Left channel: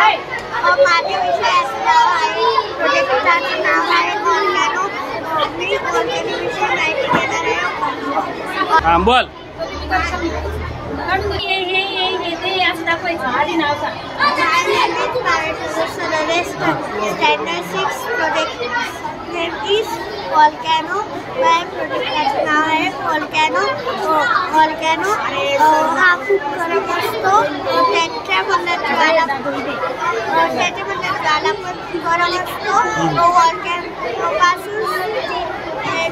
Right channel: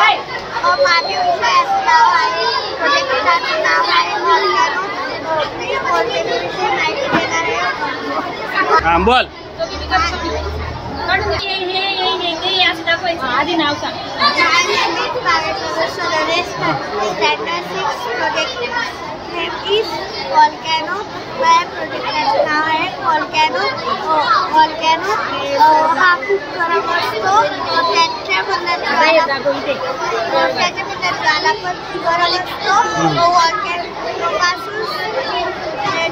माझे विषयाचं नाव आहे, प्रोजेक्टचं नाव आहे व्हॉल्कॅनो. मी व्हॉल्कॅनो विषयी माहिती देणार आहे. हां बोल. आधी नाव सांग. My name is Baveshwar Sonawane. Standard 6 project name is volcano. माझ्या प्रोजेक्टचं नाव आहे व्हॉल्कॅनो. व्हॉल्कॅनो हा खूप गरम असतो. त्याच्यामधला ज्वाला पण गरम असतो. व्हॉल्कॅनोपासून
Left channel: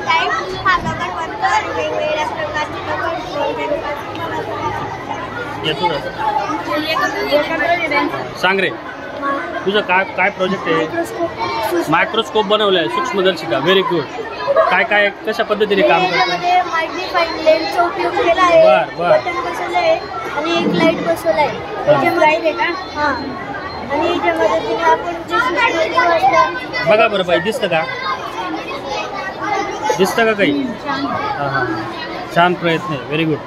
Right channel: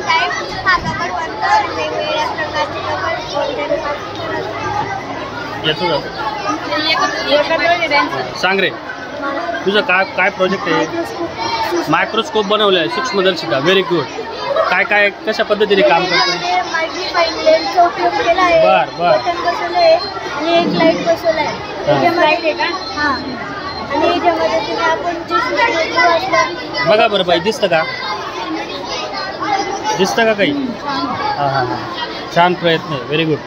टाईप हा दगड बनतो आणि वेगवेगळ्या प्रकारचे दगड व्हॉल्कॅनोपासून बनवतात. सांग रे तुझं काय प्रोजेक्ट आहे? मायक्रोस्कोप बनवलं आहे, सूक्ष्मदर्शिका. Very good. काय कशा पद्धतीने काम करतो? बर बर. आणि एक लाईट बसवला आहे. लाईट आहे का? हां. आणि याच्यामध्ये आपण बघा बरं बाई, दिसतं का? दिसतं का काही? हां हां हां. छान प्रयत्न आहे. Very good.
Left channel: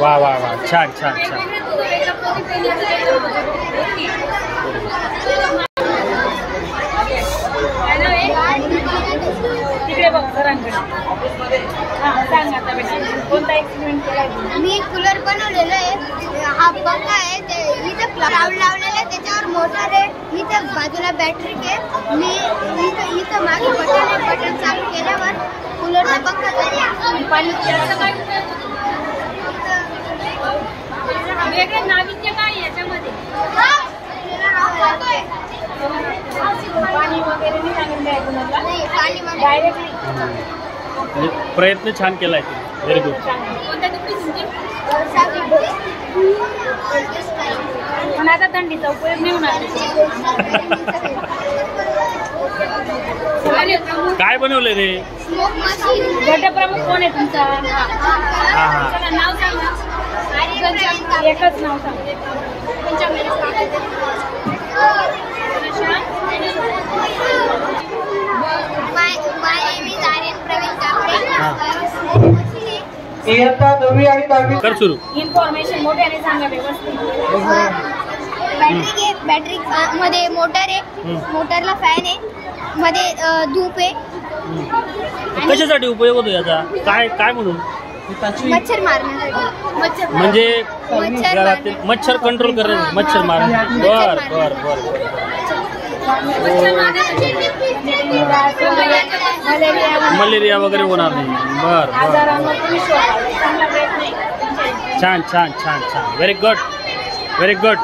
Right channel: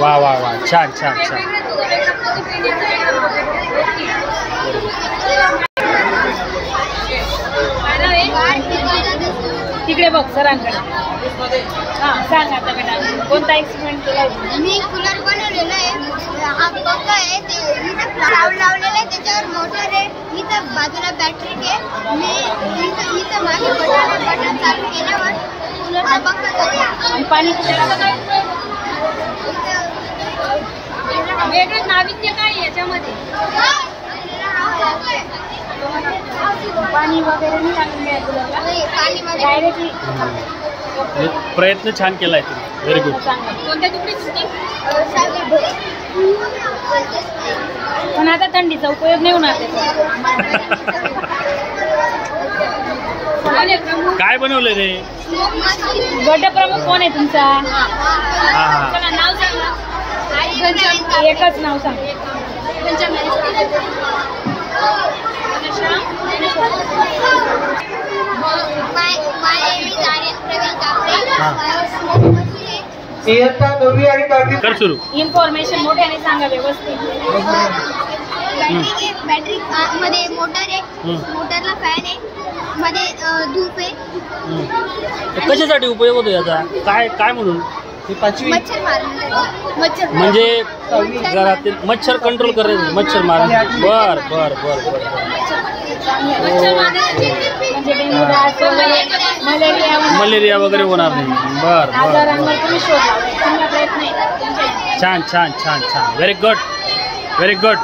वा वा वा. छान छान छान. तिकडे बघ सरांकडे. सांग आता बेटा कोणता एक्सपेरिमेंट केला? मी कूलर बनवलेला आहे. हा पंखा आहे, ते इथं लावून लावलेलं आहे. त्याच्यावर मोटर आहे. इथं बाजूला बॅटरी आहे. मी इथं मागे बटन चालू केल्यावर कूलरचा पंखा चालू. पाणी वेगळे नाविन्य काय याच्यामध्ये? पाणी वगैरे नाही लागून द्या कूलरला. नाही, पाणी डायरेक्टली. प्रयत्न छान केलाय तुम्ही. Very good. कोणत्या तुमची पण आता थंडीचा उपयोग नाही होणार. काय बनवलं रे? गटप्रमुख कोण आहे तुमचा? हा हा. चला नाव सांग. एकच नाव सांग. कर सुरू. इन्फॉर्मेशन मोठ्याने सांगा व्यवस्थित. बॅटरी मध्ये मोटर आहे. मोटरला फॅन आहे. मध्ये धूप आहे. कशासाठी उपयोग होतो याचा? काय म्हणून? मच्छर मारणे. म्हणजे घरातील मच्छर कंट्रोल करायचं, मच्छर मारणे. बर बर बर बर. मलेरिया वगैरे होणार नाही. बर बर. छान छान छान छान. Very good. Very good.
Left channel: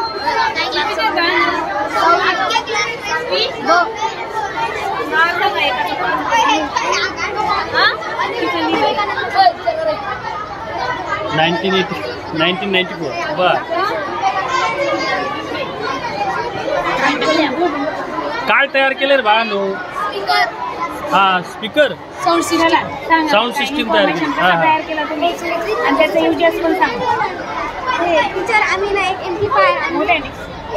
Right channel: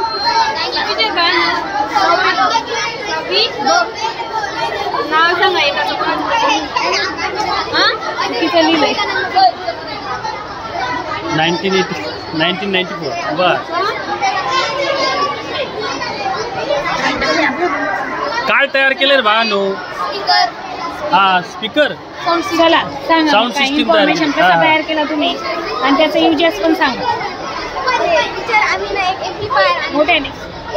किती 1994. बर. काय तयार केलं रे बाळांनो? हा स्पीकर. साऊंड सिस्टीम तयार केला तुम्ही आणि त्याचा युजेस पण सांगा. आम्ही ना एक एम्प्लिफायर, मोठ्याने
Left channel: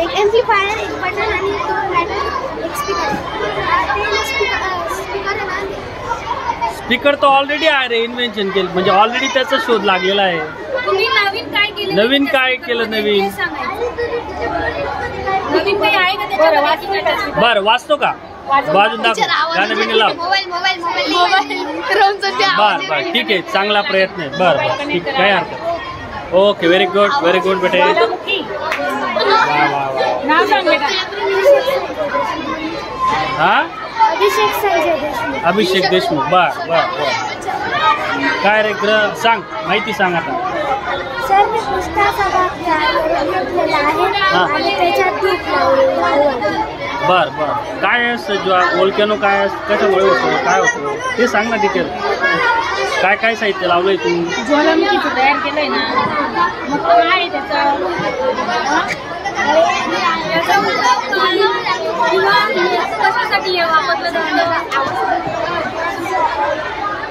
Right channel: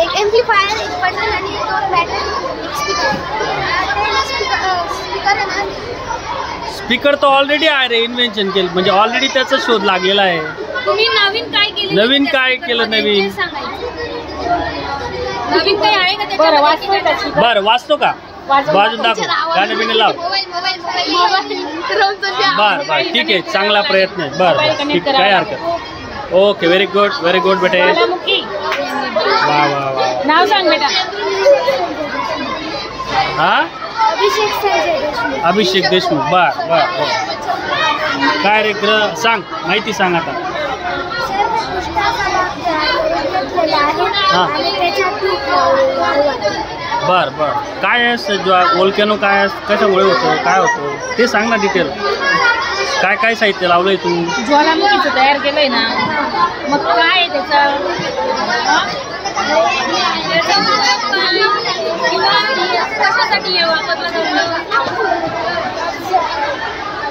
एक एम्प्लिफायर, एक बटन आणि 2 बॅटरी, एक स्पीकर. स्पीकर आहे ना. स्पीकर तर ऑलरेडी आहे रे. इन्व्हेन्शन केलं म्हणजे ऑलरेडी त्याचा शोध लागलेला आहे. तुम्ही नवीन काय केलं? नवीन काय केलं? नवीन काही आहे का त्याच्यामध्ये? बरं वाचतो का? वाजून दाखव. गाणं बिणं लाव. बर बर ठीक आहे. चांगला प्रयत्न आहे. बर बर ठीक. काय हरकत. Okay. Very good. Very good बेटे. वा वा वा. नाव सांग बेटा. हा अभिषेक देशमुख. बर बर बर. काय रे सांग, माहिती सांग आता. सर मी पुष्टाचा भाग तयार करून घेतलेला आहे आणि त्याच्यात धूप लावली. बर बर. काय असतं व्होल्कॅनो? काय कशामुळे होतं? काय होतं ते सांग ना डिटेल. काय साहित्य लावलंय तू? ज्वालामुखीचं तयार केलंय ना. मग काय त्याचा कशासाठी वापरलं जातं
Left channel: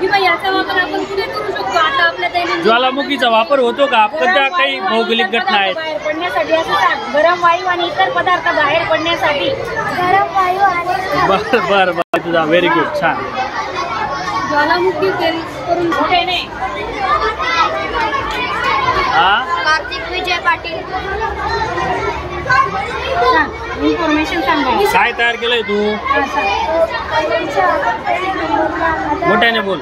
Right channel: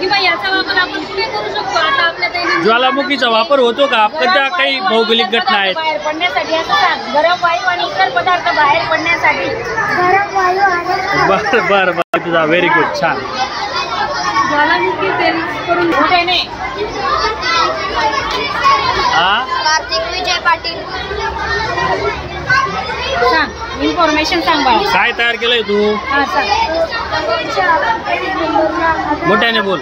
किंवा याचा वापर आपण पुढे करू शकतो? आता आपल्या दैनंदिन ज्वालामुखीचा वापर होतो का? आपल्या काही भौगोलिक घटना आहेत बाहेर पडण्यासाठी. असं सांग. गरम वायू आणि इतर पदार्थ बाहेर पडण्यासाठी. गरम वायू आणि बर बर बर. तुझा व्हेरी गुड. छान. ज्वालामुखी करून मोठ्याने हा कार्तिक विजय पाटील. इन्फॉर्मेशन सांग बाळा. काय तयार केलंय तू? हा सांग. पहिल्या नंबरला मोठ्याने बोल.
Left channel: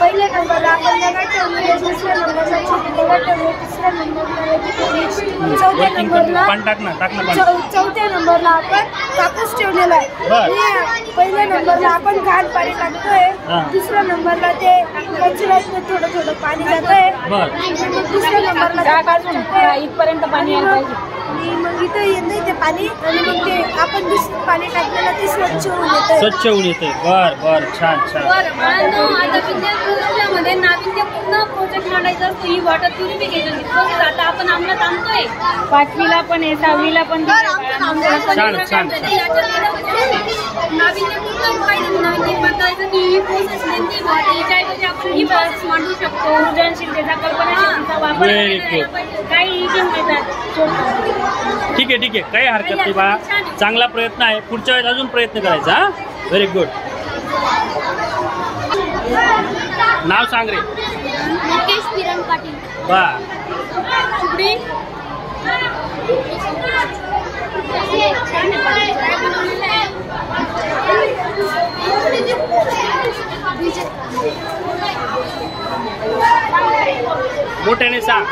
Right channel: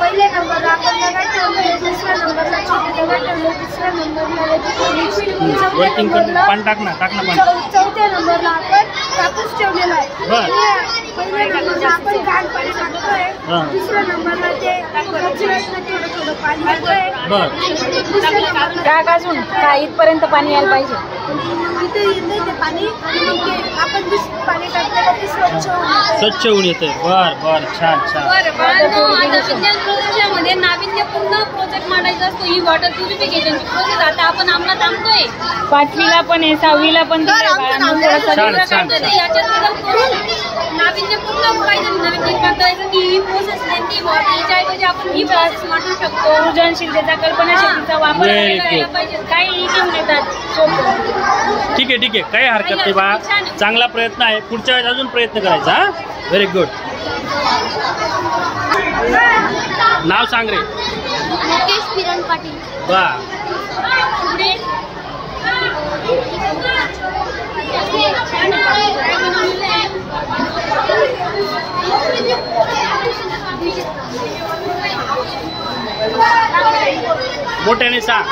पहिल्या नंबरला आपण दगड ठेवले, दुसऱ्या नंबरला छोटे दगड ठेवले, तिसऱ्या नंबरला वर्किंग करते. पाणी टाक ना पाणी. चौथ्या नंबरला आपण कापूस ठेवलेला आहे. बर. पहिल्या नंबरला आपण घाण पाणी टाकतोय. हा. दुसऱ्या नंबरला ते कचऱ्यातनं थोडं थोडं पाणी जातोय. बर. दुसऱ्या नंबरला डाग अजून इथपर्यंत पाणी यायला पाहिजे. आणि मग इथं येत ते पाणी आणि मग ते आपण दुसरं पाणी टाकलेलं ते स्वच्छ होऊन येतं. स्वच्छ होऊन येते. बर छान. मध्ये नाविन्यपूर्ण प्रोजेक्ट मांडायचा असतो. ही वॉटर प्युरिफिकेशनची प्रोसेस आता आपण अंमलात आणतोय. 5वीला पण आहे, 6वीला पण छान. नाविन्यपूर्ण पाहिजे. नवीन निर्माण करायचं की ही प्रोसेस नेमकी याच्याऐवजी आपण ही प्रोसेस मांडू शकतो. सृजनशीलतेचा कल्पनाशक्तीचा वापर करायला पाहिजे. काही घेऊन येतात. ठीक आहे काही हरकत नाही बाळा. चांगला प्रयत्न आहे. पुढच्या वेळेस अजून प्रयत्न करायचा. हा व्हेरी गुड. नाव सांग रे. मुकेश किरण पाटील. बा मोठ्याने सांग.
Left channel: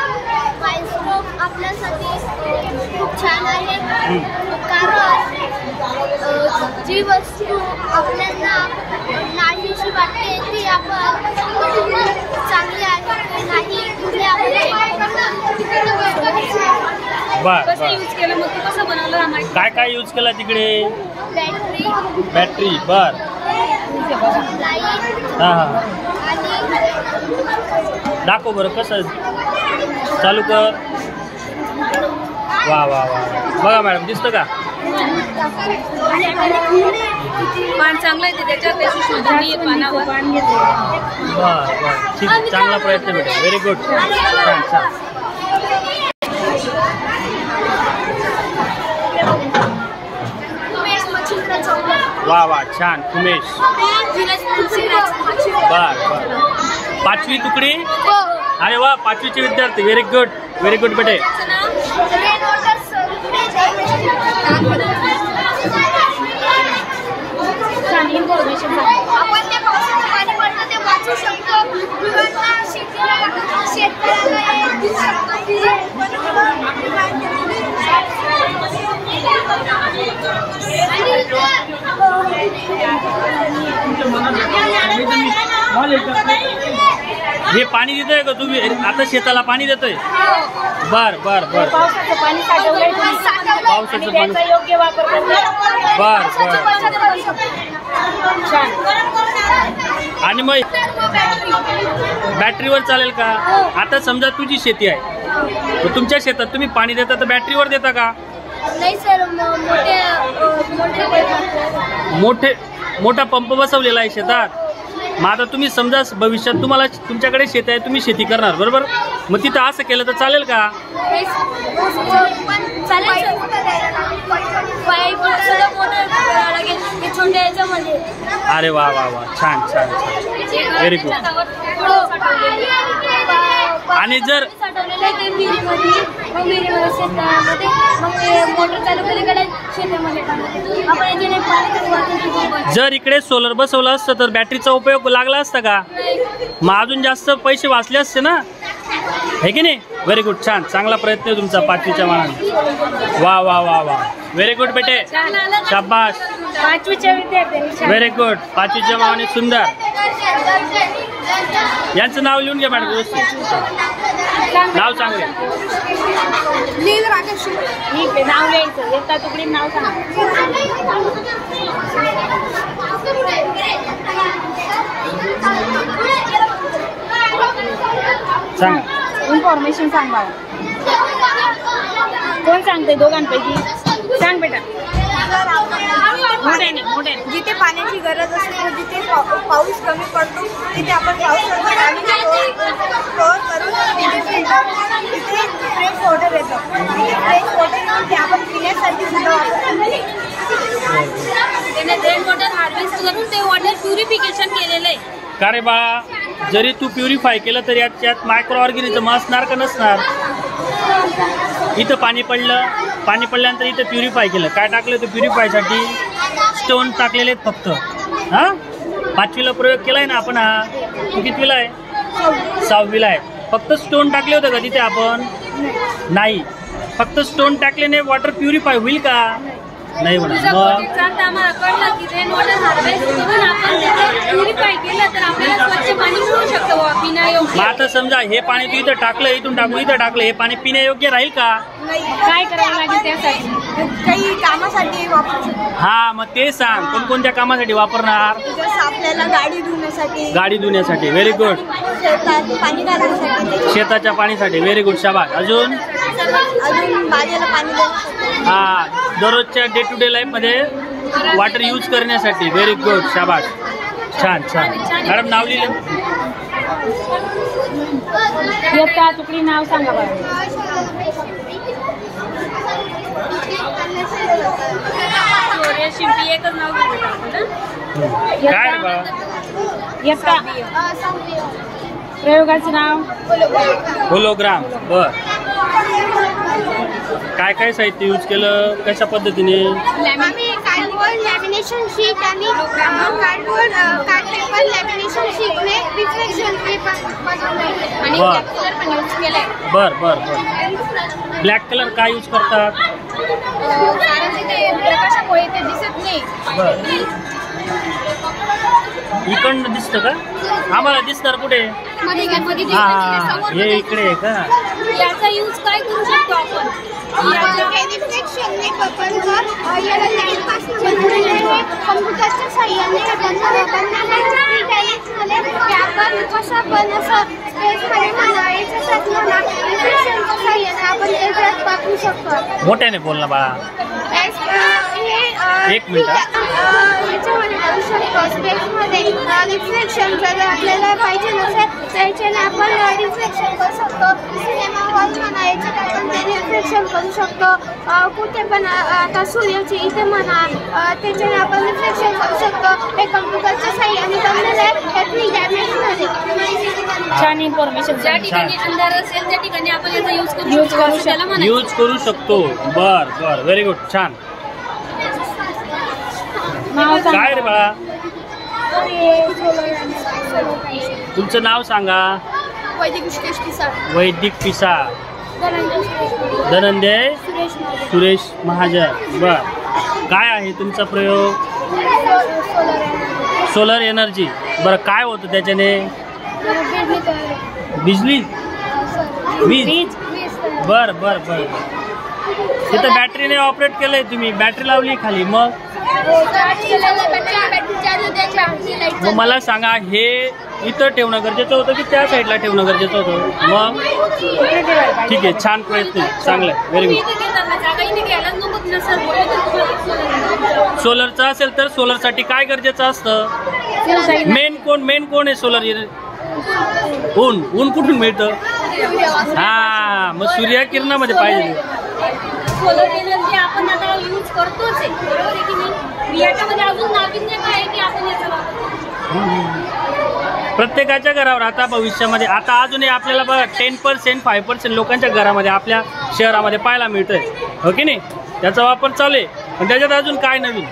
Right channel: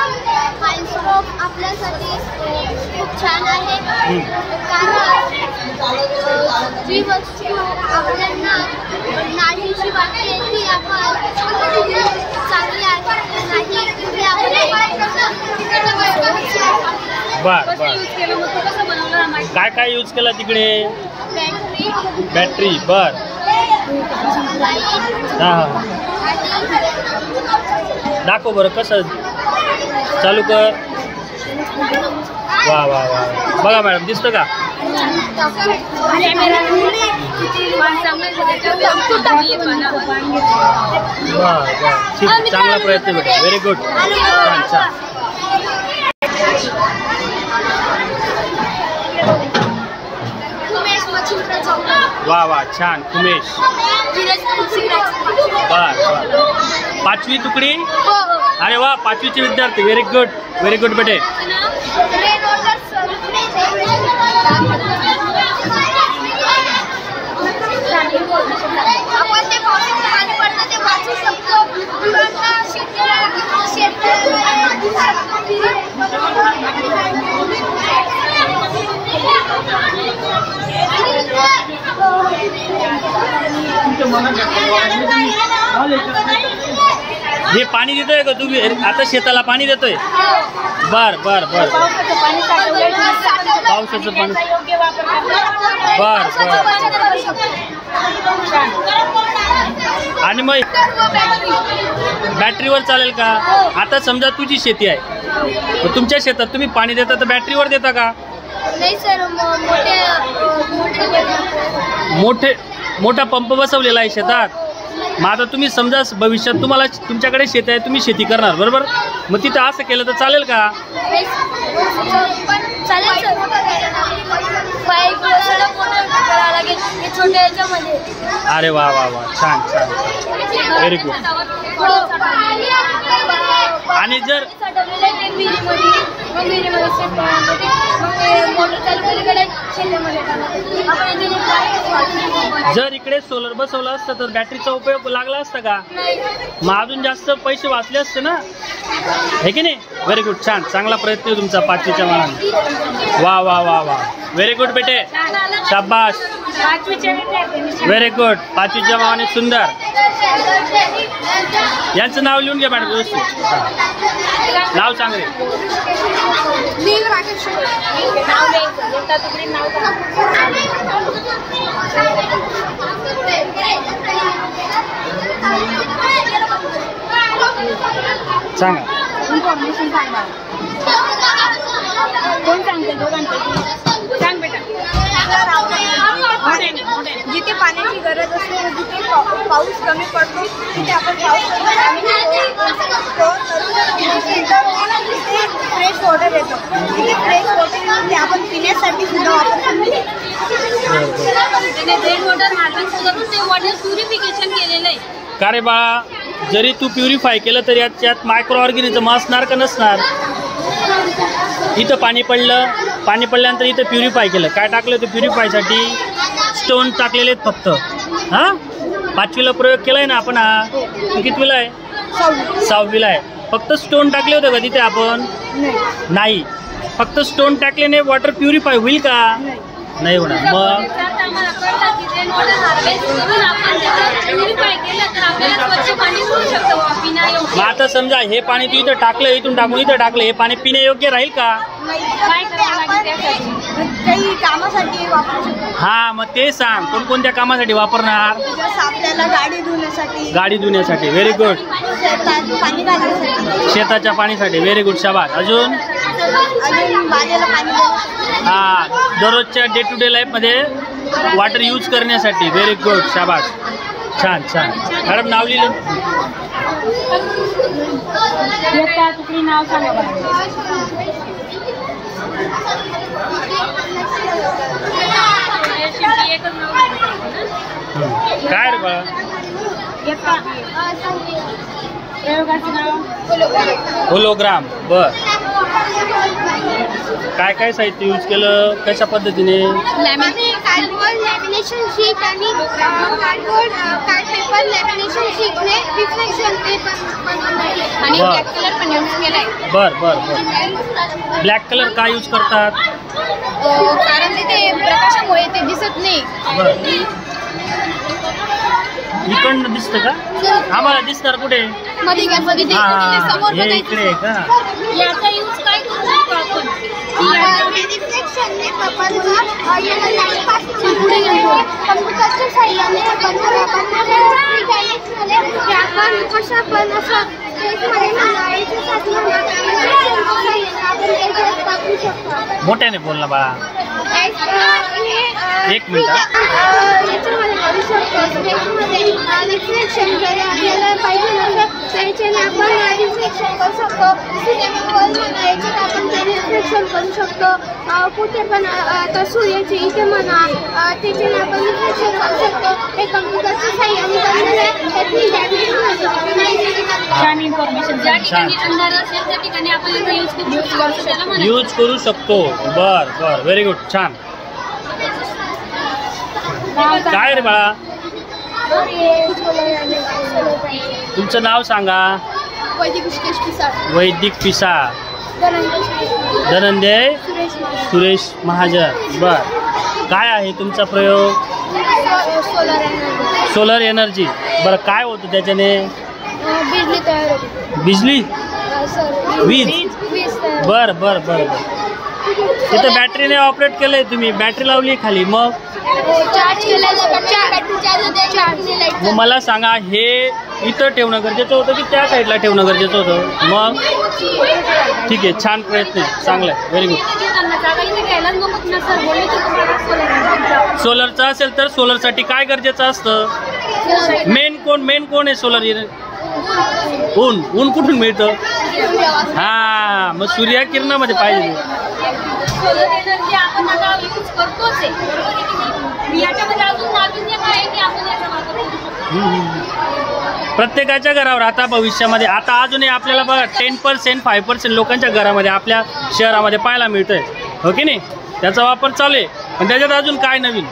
मायक्रोस्कोप आपल्यासाठी खूप छान आहे. कारण जी वस्तू आपल्याला नाहीशी वाटते ती आपण चांगली आहे की नाही हे आपण बर. यूज केलं. मग तू कसं बनवलं? काय यूज केला तिकडे? बॅटरी. बर. लाईट हा आणि दाखव बरं कसं चालू कर. वा बघा मॅडम दिसतं का? ठीक. चांगला प्रयत्न बेटा. Very good. छान. उमेश मच्छिंद्र चौक. वा छान. उमेश. बर 5वी तुकडी. अरे वा 5वीचे विद्यार्थी. व्हेरी गुड बेटे. आपण ते पावसाचं पाणी पडतं ते वाचू शकतो. गुरांना शेतकऱ्याला देऊ हे पाणी देतोय का तुम्ही आता शेताला पाणी देतोय? बर पावसाचं पाणी. बर आणि मग बॅटरीवर चालेल का? आता समजा तुझी शेती आहे, तुमच्या शेतात तुम्ही पाणी देता तर बॅटरीवर देता का? नाही सर, मोठा पंप बसवलेला आहे शेतात. मग आता तुम्ही समजा भविष्यात तुम्हाला तुमच्याकडे शेत आहे, तुम्ही शेती करणार बरोबर, मग तिथं असं केलं तर चालेल का? चालेल सर. पाईप सगळं मोठं करावं लागेल हे छोट्या याच्यामध्ये. अरे वा छान व्हेरी गुड. आणि जर साठवलेलं आहे ते विहिरीमध्ये, मग विहिरीमध्ये शेतामध्ये, मग मोटर चालू केली शेतामध्ये टाकायचं. आपण इथे पाणी. जर इकडे सोलर बसवलं असतं तर बॅटरीचा उपयोग लागला असता का? मग अजून जास्त पैसे वाचले असते ना, हे की नाही? Very good. छान, चांगला प्रयत्न आहे तुमचा 5वीच्या मानाने. वा व्हेरी गुड बेटे, शाबास. Very good. 5वीच्या मानाने सुंदर. यांचं नाव लिहून घ्या मॅडम व्यवस्थित. नाव सांग रे. सांगा. इन्फॉर्मेशन सांग मला. कोण सांगते दोघांपैकी? सांग बेटा. जिथे पाण्याची गरज असते व जिथे पाऊस कमी पडतो तिथे आपण पावसाचं पाणी स्टोअर करून तिथे फ्रेश वॉटर येतो. फ्रेश वॉटर आपण पिण्यासाठी सुद्धा वापरतो. रेन वॉटर हार्वेस्ट करून ते वॉटर प्युरिफिकेशन केलेलं आहे. का रे बाळा? जरी तू प्युरिफाय केलं तर याच्यात मायक्रो ऑर्गॅनिझम असणार का नसणार? इथं पाणी पडल्यानंतर इथं प्युरिफाय केलं, काय टाकलं होतं प्युरिफायसाठी? स्टोन टाकलेले आहेत फक्त. हां, 5वीला प्रयोग केलाय ना आपण हा? तू कितवीला आहे? 6वीला आहे. फक्त स्टोन टाकले होते का तिथे आपण? नाही. फक्त स्टोन टाकल्याने वॉटर प्युरिफाय होईल का? नाही होणार. मग आता समजा हे पाणी तू इथं टाकलं, इथून टाकून इथं टाकलं, हे पाणी पिण्यायोग्य राहील का? काही कामासाठी वापरू शकतो. हा, मग ते सांग कोणकोणत्या कामासाठी वापरणार? आपल्याला गाडी धुण्यासाठी. Very good. पाणी घालण्यासाठी, शेताच्या पाणीसाठी. व्हेरी गुड, शाबास. अजून बागेला पाणी देण्यासाठी. हा, दररोजच्या डे टू डे लाईफमध्ये वॉटर यूज करण्यासाठी. व्हेरी गुड, शाबास. छान छान. मॅडम नाव लिहिलं? नाव सांगा. काय रे बाळा? प्रयोगाचं नाव होलोग्राम. बर, काय काय साहित्य यूज केलं, कशा पद्धतीने? आम्ही कार्डबोर्ड लॅमिनेशन शीट आणि कार्ड पेपर लॅमिनेशन शीटने रिफ्लेक्शन पेपर बनवलंय आणि बर. ब्लॅक कलर पण यूज केलाय. बर बर बर. ब्लॅक कलर काय यूज करतात? कारण ते प्रकाशामुळे ते दिसत नाही. बर, इकडनं दिसतं का? आम्हाला दिसणार कुठे? हा, हे इकडे आहे का? याचा यूज काय करू शकतो आपण? रिफ्लेक्शनने पेपरवर याला लाईट पासून कम्प्युटरच्या साह्याने आपण कशा पण असं स्पेसमध्ये म्हणा, याच्यासाठी म्हणा, रिफ्लेक्शनच्या साह्याने आपण त्याच्यात वापरू शकतो. मोठ्याने बोल ना बाळा. एक मिनिट. याच्यामध्ये करू शकतो स्पेसमध्ये रिफ्लेक्शन. जर आपल्याला पाहिजे नसेल त्याच्याने आपण रिफ्लेक्शन करू शकतो. सिनेमा हॉल म्हणा, याच्यात आपण ते रिफ्लेक्शन करू शकतो. कुठे पण आता सूर्याची इथे म्हणा, त्याच्याने आपण रिफ्लेक्शन करू शकतो. हे कम्प्युटरच्या साह्याने बनलेलं आहे. हे 3 डायमेन्शनमध्ये. छान इन्फॉर्मेशन. ज्या ठिकाणी अंधार असेल त्या ठिकाणी आपण याचा यूज करू शकतो. बर बर, व्हेरी गुड, छान. काय रे बाळा? तुमचं नाव सांगा. वैदिक पिसाळ. धनंजय सुरेश महाजन. बर, काय आहे तुमचा प्रयोग? Solar energy. बरं, काय होतं त्याच्याने? बिजली, वीज. बर बर बर. तिथं बॅटरीने ऑपरेट केलंय तुम्ही, बॅटरी लावली खाली, मग मला सांगा, हे इथं ठेवणं गरजेचं होतं की त्या साईडला ठेवणं गरजेचं होतं? मग ठीक आहे, छान प्रयत्न आहे, चांगलं आहे, व्हेरी गुड. सोलरचं असेल तर सोलरसाठी काय गरजेचं असतं? मेन कोण आहे सोलर? ऊन कुठून मिळतं? हा, मग सूर्यकिरणामध्ये पाहिजे. सोलर एनर्जी आपण आता यूज करतोच आहे, बरोबर आहे की नाही? याच्यामध्ये अजून नाविन्य काय की आपण याचा वापर करू. प्रत्येकाच्या घरावर आता भविष्यामध्ये आता अजूनही आपल्याला बघा 10% 5% लोकांच्या घरामध्ये आपल्या शहरामध्ये पाहायला मिळतंय, हो की नाही? त्याचा वापर चालू आहे, पण त्याच्यात अजून काय नवीन?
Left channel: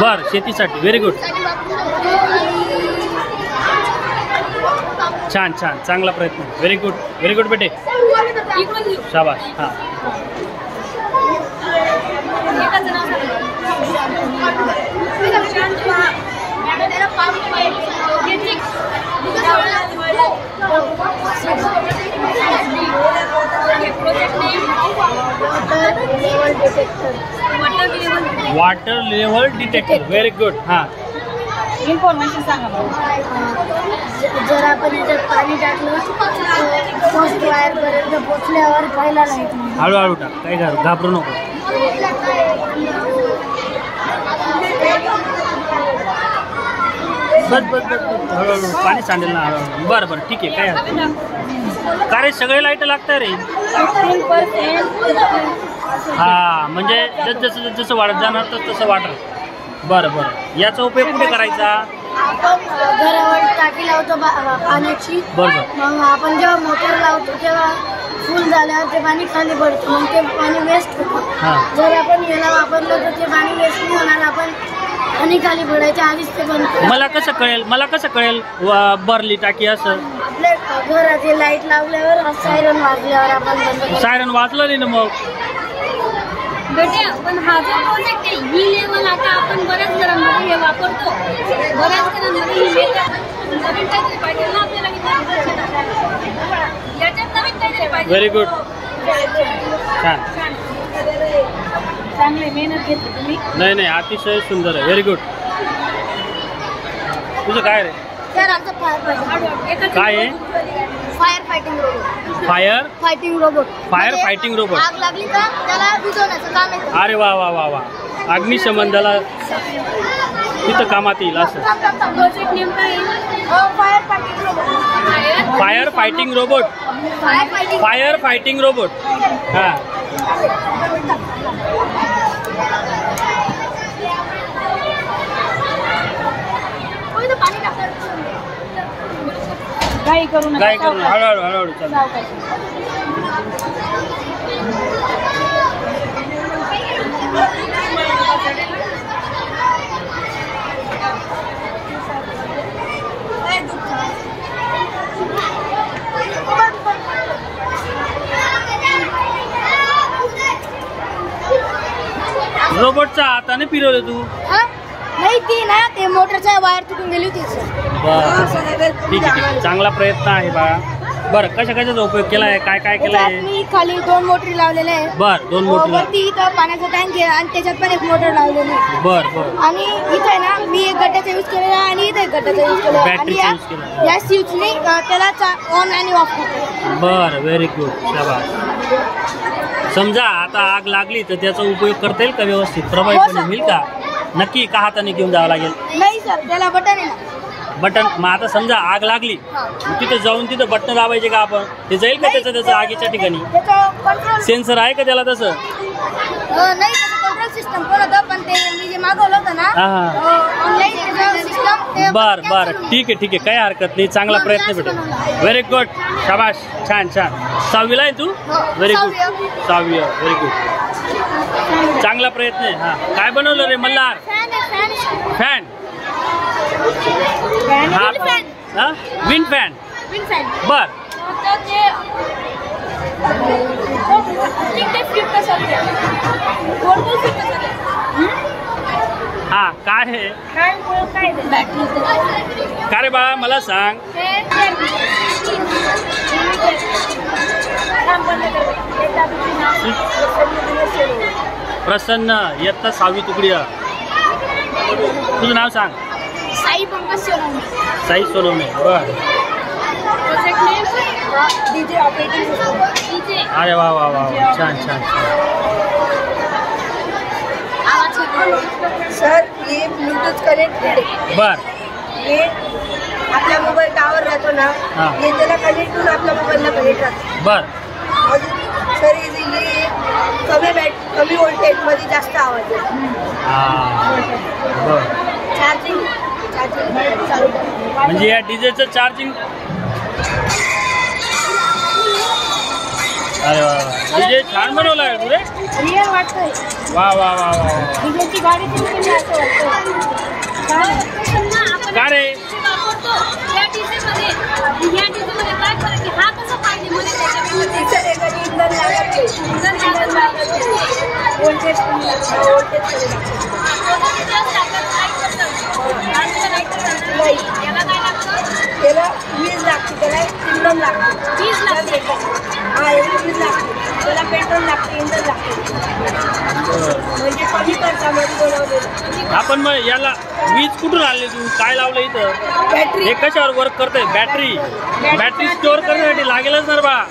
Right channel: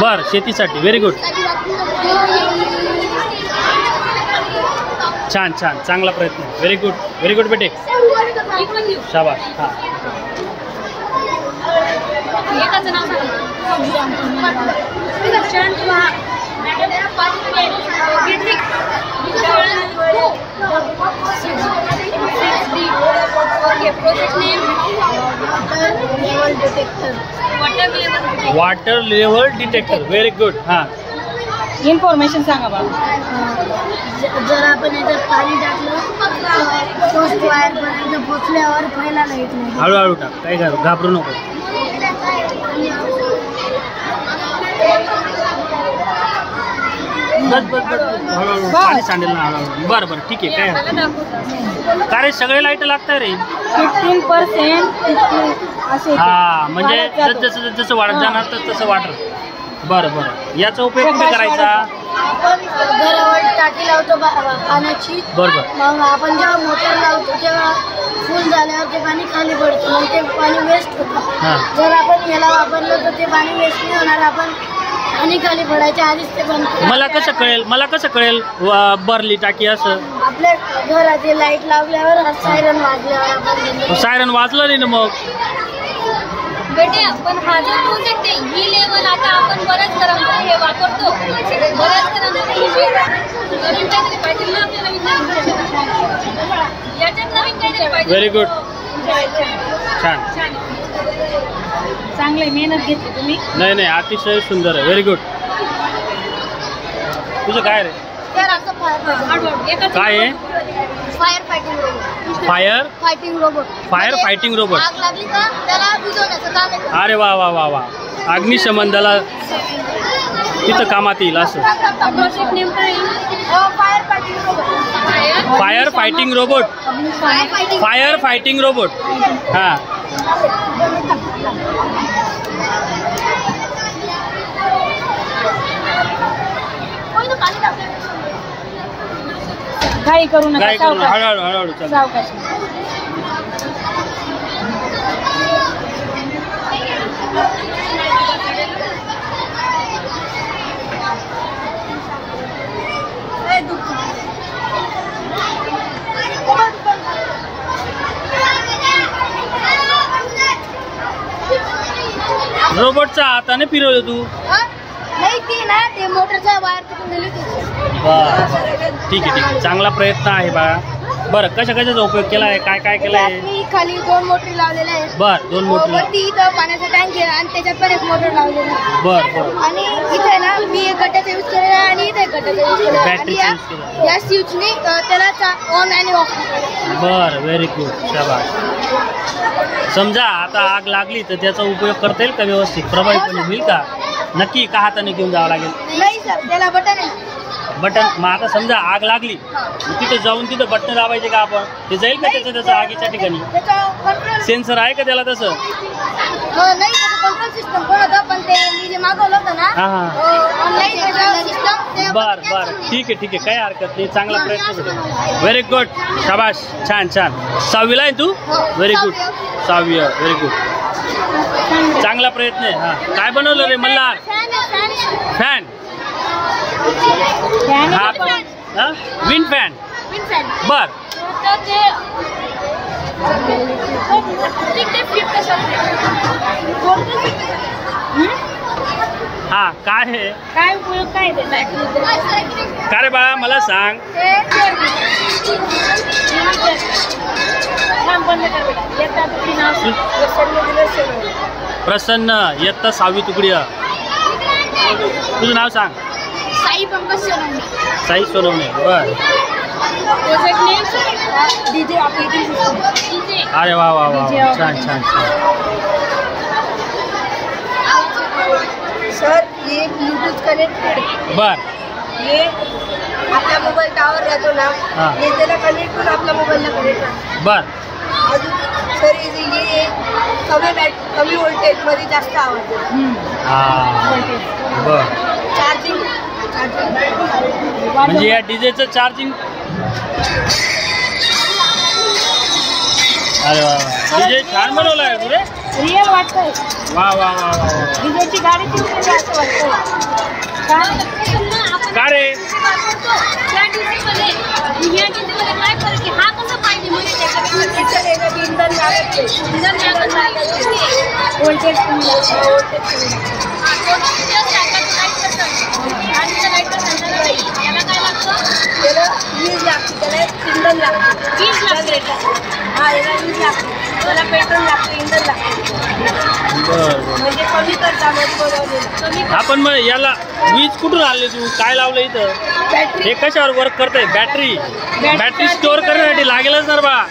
बर, शेतीसाठी, व्हेरी गुड, छान छान, चांगला प्रयत्न, व्हेरी गुड बेटे, शाबाश. हां, water level detector, very good. हां, इन्फॉर्मेशन सांगा बाबा. जर आपण याच्यात पाणी टाकलं पोस्ट वायर पर्यंत पोचल्यावर पहिला लाईट नाही. हळूहळू टाक, काय घाबरू नको. बस हळूहळू, पाणी सांडेल ना हळूहळू. बरं ठीक आहे, काय हरकत. का रे, सगळे लाईट लागतात रे? 15%. हा, म्हणजे जसं वाढत जाणार तसं वाटर. बरं याचा उपयोग कुठे करायचा? आपण घरावर टाकी लावतो पाण्याची. बरोबर. मग आपण जेव्हा मोटर लावतो तेव्हा फुल झाल्यावर ते पाणी खाली पडतं, मग ते पाणी वेस्ट होतं. हां. जर आपण याला वापरलं तर ते पाणी वेस्ट नाही होणार. आपण पाणी खाली पडायच्या आधीच ते बंद करू. मला कसं कळेल भरली टाकी असं? आपल्या घरात लाईट लावल्यावर सायरन वाजल्यावर आपण बंद करू. सायरन वाजलं नाही ना मग? बेटे पण हा जो प्रोजेक्ट आहे ही लेवल आता आपण बऱ्याच घरांमध्ये हे वापरतो. बऱ्याच घरांमध्ये ही नवीन काहीतरी पाहिजे ना आपल्याला याच्यात नवीन काहीतरी पाहिजे. Very good. छान. चांगली मेहनत घेतली तुम्ही. नाही अतिशय सुंदर आहे. Very good. तुझं काय रे? तर आमचं काय आहे? Fire fighting robot. Fire fighting robot. Fire fighting robot. आग लागली का त्याला विझवण्याचं काम आहे. अरे वा वा वा वा. अग्निशमन दला तिथं कामात येईल असं. प्रोजेक्ट नेमका आहे fire fighting robot. Fire fighting robot. Fire fighting robot. हां. काही करू नका. काय करू? हळूहळू चालू. रोबोटचा हाताने फिरवलं तू? नाही ती ना ते मोटरच्या वायर तुटून गेली होती. बर ठीक आहे. चांगला प्रयत्न आहे बाळा. बरं कशाचा उपयोग केला आहे? काय केलं आहे? मी खाली 2 मोटरी लावलेल्या आहेत. बर 2 मोटर. वरती इथं पाण्याचा टँक आहे आणि त्याच्यात पण एक मोटर लावलेली आहे. बर आणि इथे ना मी एक गड्ड्याचा यूज केलेला आहे आणि इथे एक गड्ड्याचा यूज केलेला आहे. बॅटरीचा यूज केला. या स्विचने त्याला ऑन आणि ऑफ करतो. बर व्हेरी गुड. शाबास. समजा आता आग लागली तर त्याचा उपयोग करता येईल का व्यवस्थित? प्रभावीपणे होईल का? नक्की का हाताने घेऊन जावं लागेल? नाही सर त्याला बटन आहे. बटन. मग आता समजा आग लागली तिथं जाऊन तिथं बटन दाबायचे का आपण? ते जाईल का त्याचं आगीच्या ठिकाणी? कंट्रोल सेन्सर आहे का त्याला तसं? नाही कंट्रोल सिस्टम पण होतं पण ते मी जे मागवलं होतं ना हां. Online system. बर ठीक आहे काही हरकत नाही. चांगला प्रयत्न भेटेल. Very good. शाबाश. छान. 6वीला आहे तू? Very good. 6वी. Very good. चांगला प्रयत्न आहे. हां. काय बनवलं रे मल्हार? फॅन. हा विंड फॅन. बर. हा काय आहे? काय उपयोग काय का रे बाळा मला सांग. प्रसन्न इयत्ता 6वी तुकडी. तुझं नाव सांग. साई पंकज सोनवणे. साई सोनवणे. बर. DJ operating system. अरे वा छान. सर ये ब्लूटूथ कनेक्टेड आहे. बर. ये आपला मोबाईल टावर राहतो ना हां. ये त्याला कनेक्ट करून आपल्या मोबाईलला कनेक्ट राहतो. बर. अजून सर ये कमी व्होल्टेज मध्ये जास्त आवाज येतो. बर. चार्जिंग म्हणजे या डीजेचं चार्जिंग. अरे वा डीजे छान बनवला आहे तू रे. रिअल वाटतंय. वा डीजेची गाडी तुम्ही असं वाटतंय का रे? त्या डीजेमध्ये या डीजेमध्ये काय फरक आहे? हा कसा पाहिजे इंधन लागत व्होल्टेज त्याला वीज लागते. त्याला इंधन लागते. हा याला वीज लागते. त्याला पेट्रोल लागते. इंधन लागते. म्हणजे कमी खर्चामध्ये बनवलेलं. आपण मग याला वीज कुठून आणली तू? काय लावलं इथं? बॅटरी. हे कशावर वर्क करते? बॅटरी स्टोअर करण्यासाठी लागेलच ना बा.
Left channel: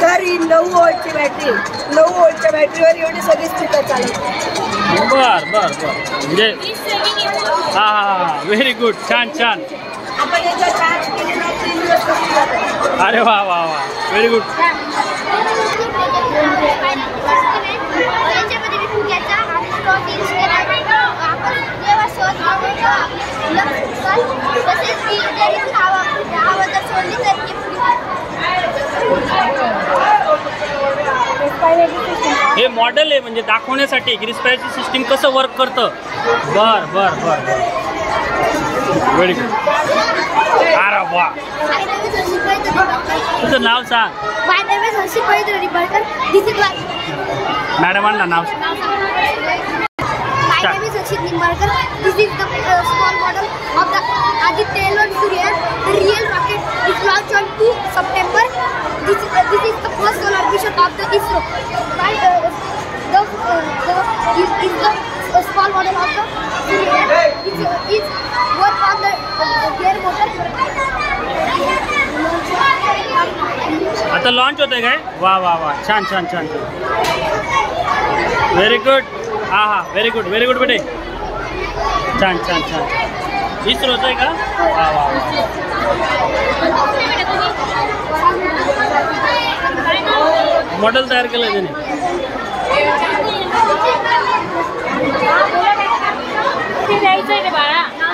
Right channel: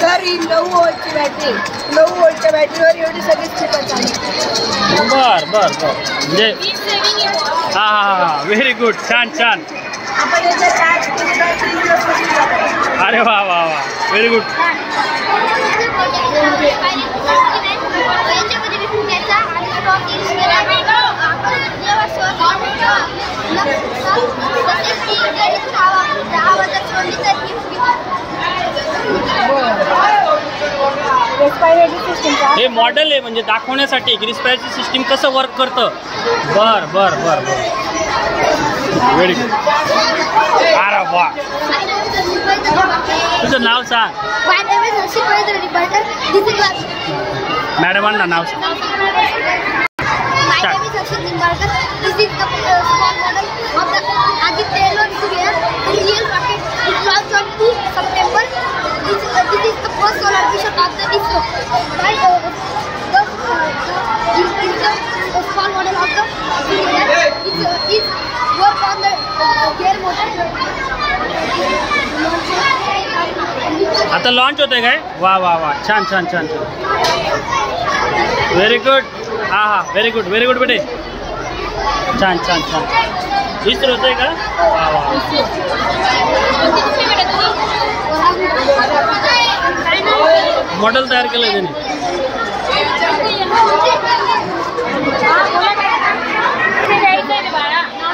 सर ही 9 वोल्टची बॅटरी. 9 वोल्टच्या बॅटरीवर एवढी सगळी स्पीकर चालू. बर म्हणजे हा व्हेरी गुड. छान आपण याचा चार्ज केलेला. अरे वा व्हेरी गुड. याच्यामध्ये तसेच ती जरी हवा जर सोडली तर ती हे मॉडेल आहे म्हणजे दाखवण्यासाठी की रिस्पायरेटरी सिस्टीम कसं वर्क करतं. बर बर बर बर व्हेरी गुड. अरे वा. तुझं नाव सांग. My name is Harshit Parikar. This is मॅडमांना नाव सांग. My name is Harshit Nimbarkar. This is the small model of the Aditya L1 Surya. The real rocket is launched on 2 September. This is the first solar mission of the ISRO. The small model of the Surya is work on the gear motor. आता launch होतंय काय? वा वा वा छान छान छान छान. Very good. हा हा व्हेरी गुड बेटे. छान छान छान. इस्रो होतंय का? वा वा. मॉडेल तयार केलंय त्याने.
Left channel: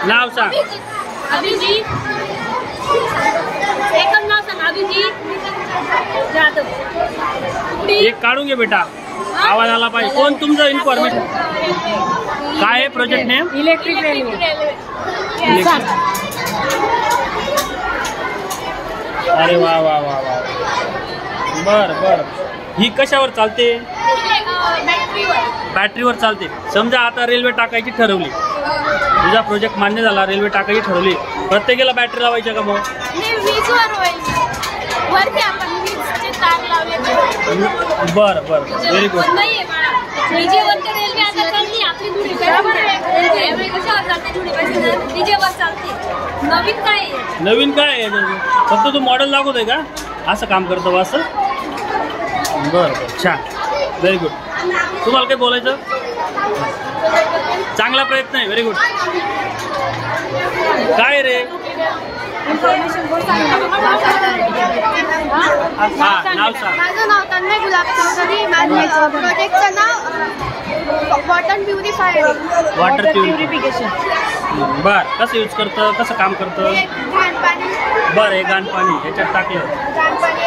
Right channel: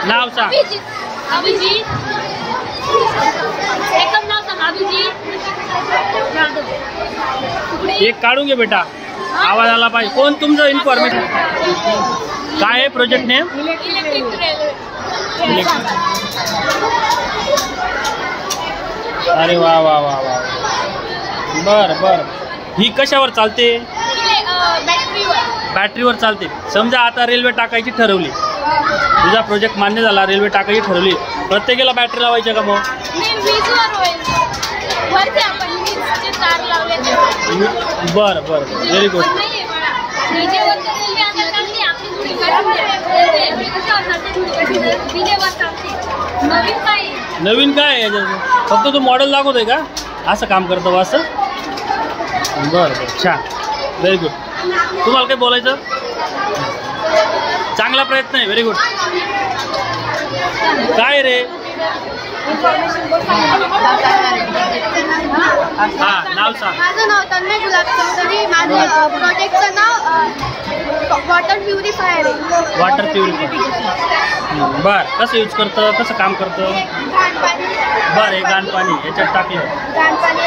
नाव सांग. अभिजीत. एकच नाव सांग. अभिजीत जाधव. एक काढून घे बेटा. आवाज आला पाहिजे. कोण तुमचं इन्फॉर्मेशन काय आहे? Project name electric railway. अरे वा वा वा वा. बर बर. ही कशावर चालते? बॅटरीवर चालते. समजा आता रेल्वे टाकायची ठरवली. तुझा प्रोजेक्ट मान्य झाला. रेल्वे टाकायची ठरवली. प्रत्येकाला बॅटरी लावायची का मग? बर बर व्हेरी गुड. नवीन काय आहे? फक्त तू मॉडेल दाखवतोय का? असं काम करतो असं. बरं बरं छान व्हेरी गुड. तुम्हाला काय बोलायचं? चांगला प्रयत्न आहे. Very good. काय रे? हा नाव सांग. माझं नाव तन्मय गुलाब चौधरी. माझं प्रोजेक्टचं नाव वॉटर प्युरिफायर आहे. Water purification. बर कसं यूज करतं? कसं काम करतं? बरं हे घाण पाणी याच्यात टाकलं. घाण पाणी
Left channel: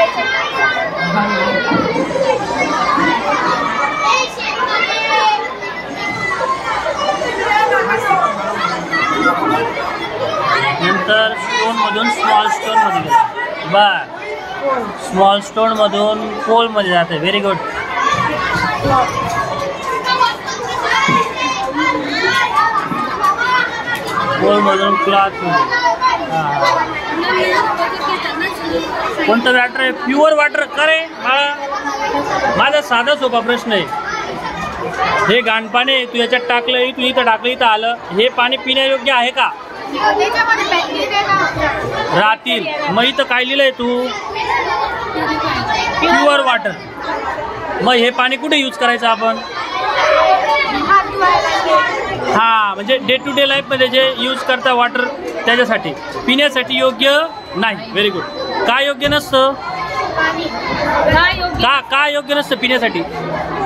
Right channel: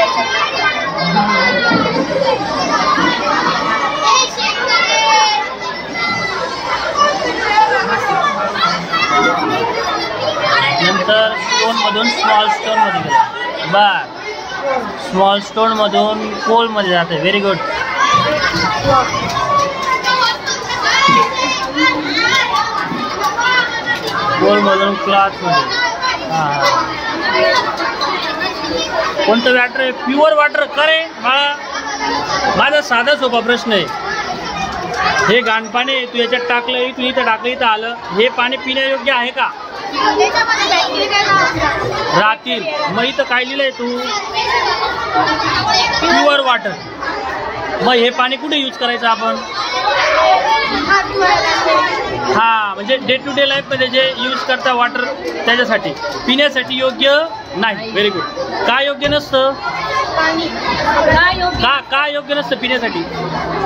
नंतर स्टोनमधून स्मॉल स्टोनमध्ये गेलं. बर स्मॉल स्टोनमधून कोलमध्ये जाते. व्हेरी गुड. कोलमधून क्लॉथमध्ये. हां कोणतं वॉटर आहे? Pure water. करे बाळा माझा साधा सोपा प्रश्न आहे. हे घाण पाणी तू याच्यात टाकलं, तू इथं टाकलं, इथं आलं. हे पाणी पिण्यायोग्य आहे का? राहतील. मग इथं काय लिहिलंय तू? Pure water. मग हे पाणी कुठे यूज करायचं आपण? हा म्हणजे डे टू डे लाईफमध्ये जे यूज करता वॉटर त्याच्यासाठी. पिण्यासाठी योग्य नाही. Very good. काय योग्य नसतं? का योग्य नसतं पिण्यासाठी?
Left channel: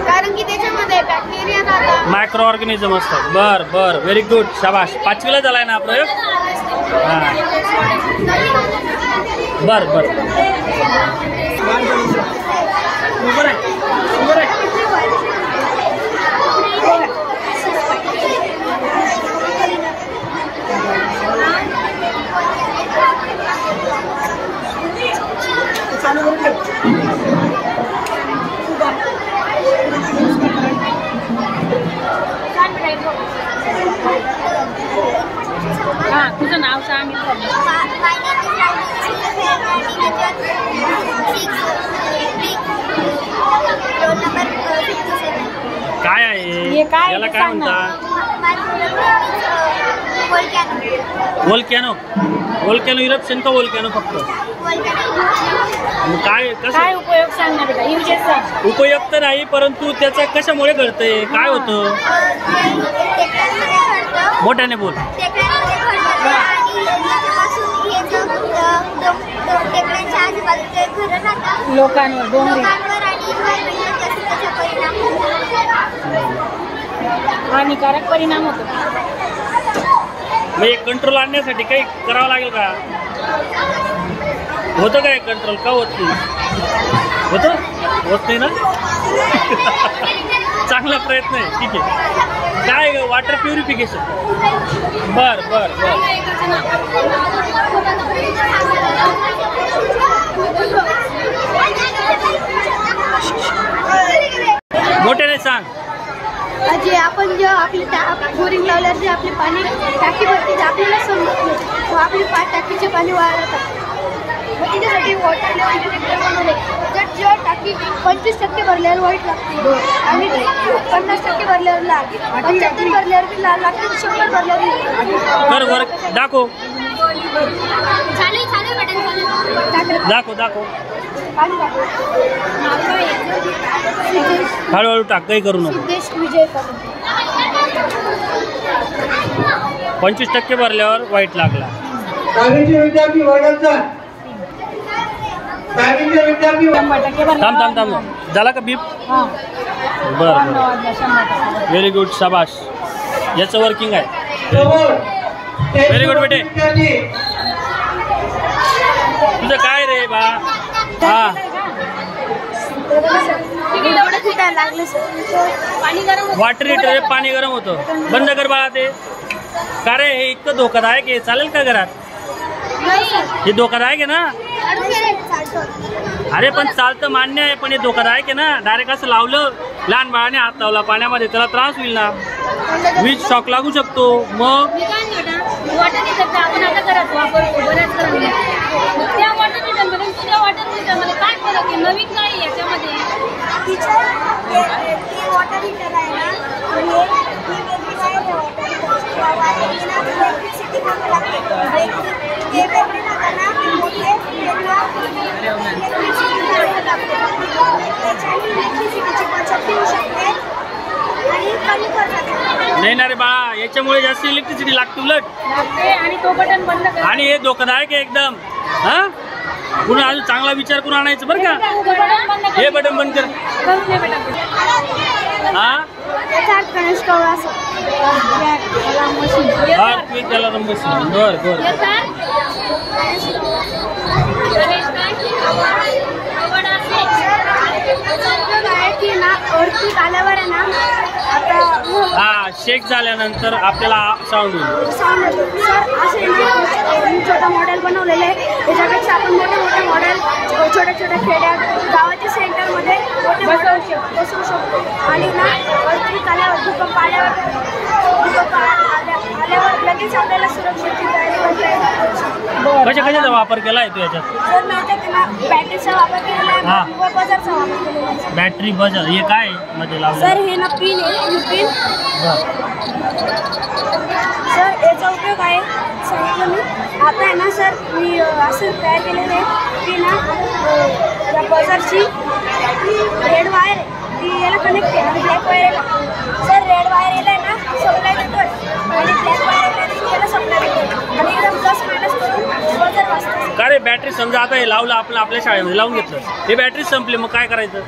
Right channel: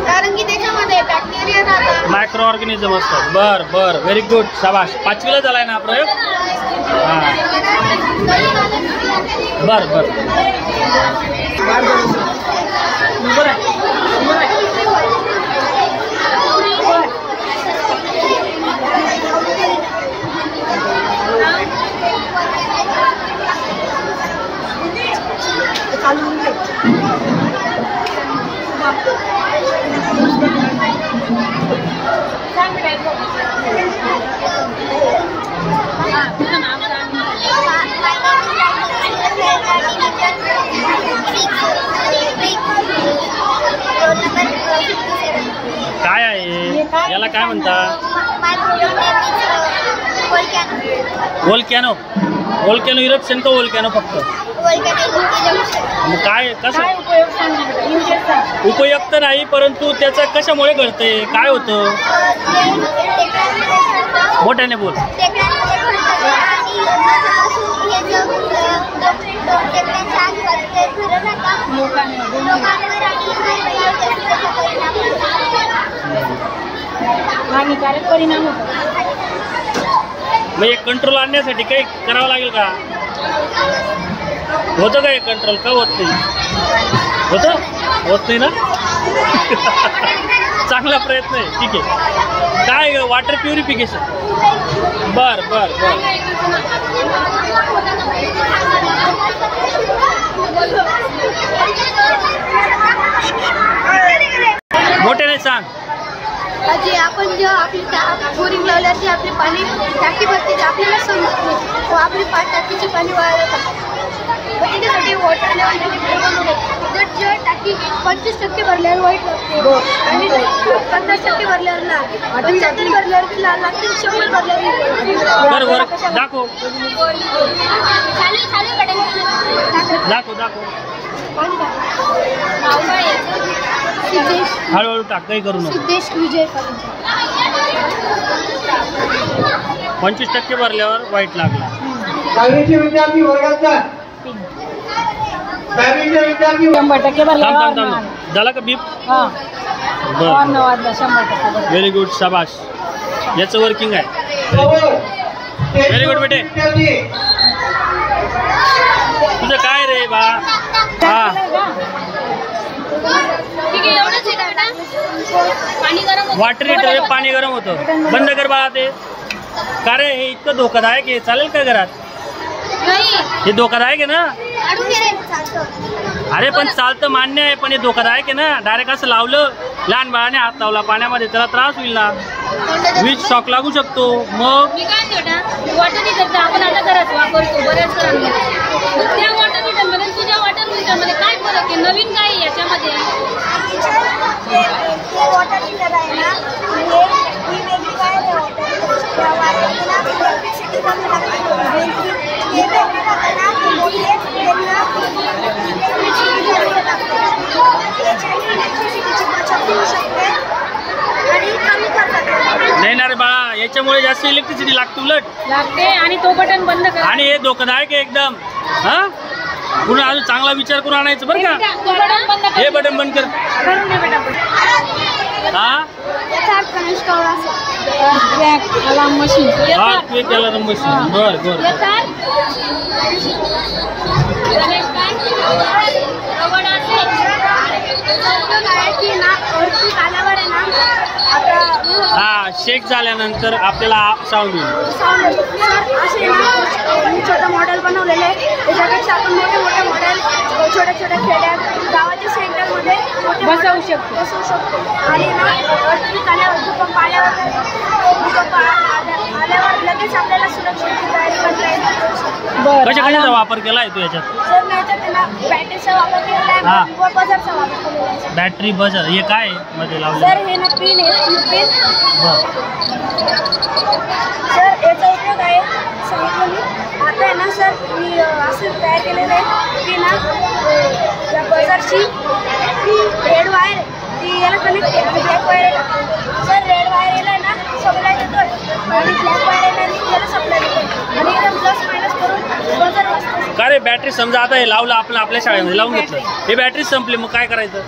कारण की त्याच्यामध्ये बॅक्टेरिया जातात, मायक्रो ऑर्गॅनिझम असतात. बर बर व्हेरी गुड. शाबाश. 5वीला झालाय ना हा प्रयोग? हां बर बर. तुझं नाव सांग. काय आहे याला काय म्हणतात? वोल्कॅनो. वोल्कॅनो इरप्शन का वोल्कॅनो फक्त? काय कसं उपयुक्त नाही, परंतु त्याचा कशामुळे घडतंय? काय होतं? मोठ्याने बोल. हानिकारक परिणाम होतो. मग एक कंट्रोल आणण्यासाठी काही करावं लागेल का? होतं काय कंट्रोल का होत नाही? होतं होत नाही ना? चांगला प्रयत्न आहे. ठीक आहे. काय वॉटर प्युरिफिकेशन? बर बर बर. मोठ्याने सांग. जे आपण जे आपली बोरिंग लावल्यावर जे आपले पाणी टाकी भरते ते आपल्याला समजत नाही. व आपली टाकीचे पाणी वाढवतात. मग त्याच्यासाठी वॉटर लेवल जर जे टाकी 25% भरल्यावर वाईट लागते आणि 50% भरल्यावर लाल, 75 भरल्यावर बी लाल लागते, 100 भरल्यावर कर वर्क दाखव दाखव दाखव. पाणी टाक. सिद्धेश हळूहळू टाक, काही करू नको. सिद्धेश विजय पाटील. 25% भरल्यावर वाईट लागला. विद्यार्थी वर्गाचा थांब थांब थांब. झाला का बीप? बर व्हेरी गुड. शाबाश. याचं वर्किंग आहे. व्हेरी गुड बेटे. तुझं काय रे बा? हा वॉटर हीटर पाणी गरम होतं. बंद कर बाळा ते. का रे हे इतकं धोकादायक आहे? चालेल का घरात? हे धोकादायक आहे ना? अरे पण चालतं मान्य आहे, पण हे धोकादायक आहे ना. डायरेक्ट असं लावलं, लहान बाळाने हात लावला पाण्यामध्ये, त्याला त्रास होईल ना. वीज शॉक लागू शकतो. मग वॉटर हीटर आपण आता घरात वापरतो बऱ्याच जणांना. त्या वॉटर हीटरमध्ये तुझ्या वॉटर हीटरमध्ये काय फरक आहे? नवीन काय आहे याच्यामध्ये? वॉटर हीटर आहे ना, ही वेगळी काय आहे वॉटर हीटर ना, इलेक्ट्रिसिटी कमी लागते. हे वेगळी ना मोठे त्यांना इलेक्ट्रिसिटी जास्त लागते. त्याच्याने इलेक्ट्रिसिटीची बचत होऊ शकते आणि कमी करतात. नाही ना रे बाळा, याच्यामुळे जास्त इलेक्ट्रिसिटी लागते उलट. लागते आणि तो बटन बंद कर. आणि हे धोकादायक आहे एकदम. हा पुन्हा अजून चांगला विचार करून आणायचं बरं का. हे बटन बंद कर. हा कनेक्ट करू असं. हा क्विक अलार्म मशीन. बर बर की ना अर्थक्वेक आल्यावर आहे ना, आता हा शेक झाल्यानंतर आपल्याला साऊंड होईल. साऊंड येतो. सर असे ना मी छोटा मॉडेल बनवलेलं आहे. त्याच्यापेक्षा आपण मोठे मोठे मॉडेल छोट्या छोट्या खेड्यात गावाच्या सेंटरमध्ये मोठे मॉडेल बसवू शकतो. आणि ना अर्थक्वेक आल्यावर भूकंप आल्यावर लगेच आपल्याला सुरक्षित तयारी करता येईल. कशाचा वापर केला आहे तू याच्यात? सर मी याच्यात ना बॅटरीचा वापर केलेला आहे व बजारचा वापर केलेला आहे. बॅटरी बजर हे काय मध्ये लावलं? सर हे ना पिन आहे. पिन बर. सर याचा उपयोग आहे सांगितलं मी. आता आहे ना सर मी असं तयार केलेलं आहे की ना या बजारची रेड वायर आहे ती याला कनेक्ट आहे आणि ब्लॅक वायर आहे. सर रेड वायर याला आहे ना सप्लाय देतो आणि ब्लॅक वायर याला त्याला सप्लाय देतो आणि एकदम प्लस मायनस करून बजार वाचतो. का रे बॅटरी समजा आता हे लावलं आपण आपल्या शाळेमध्ये लावून घेतलं, ही बॅटरी संपली मग काय करायचं?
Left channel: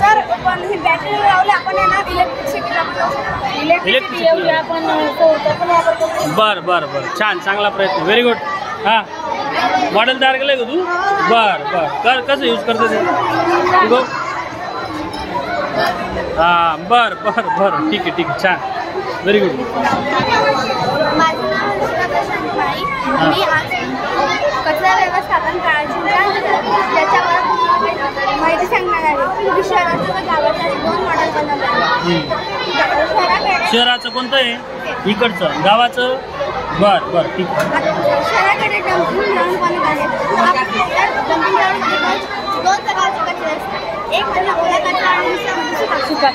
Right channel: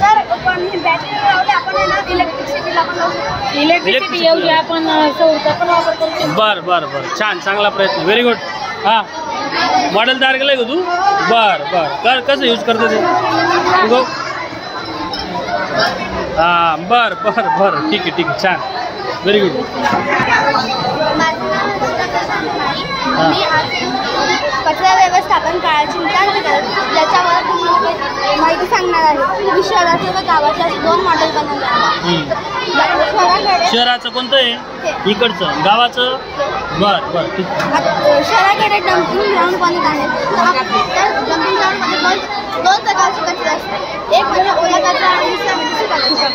सर पण ही बॅटरी लावली आपण आहे ना इलेक्ट्रिसिटीला पण लावू शकतो. इलेक्ट्रिसिटी एवढी आपण सोडता पण वापर करतो. बर बर बर छान चांगला प्रयत्न. Very good. हा मॉडेल तयार केलंय का तू? बर बर कर. कसं यूज करतो ते? गो हा बर बर बर ठीक आहे ठीक आहे छान. Very good. माझं नाव हर्षिता प्रशांत माळी. मी आज कचरा व्यवस्थापन काळाची ज्याच्यावर तुम्हाला माहिती सांगणार आहे. मी शहराचं व गावाच्या 2 मॉडेल बनवले आहे. शहराचं कोणतं आहे? इकडचं. गावाचं? बर बर ठीक आहे. शहराकडे डम्पिंग ग्राउंड बनत आहे. तर डम्पिंग ग्राउंडमध्ये 2 प्रकारचे कचरा असतात. एक म्हणजे ओला कचरा आणि दुसरा म्हणजे सुका कचरा.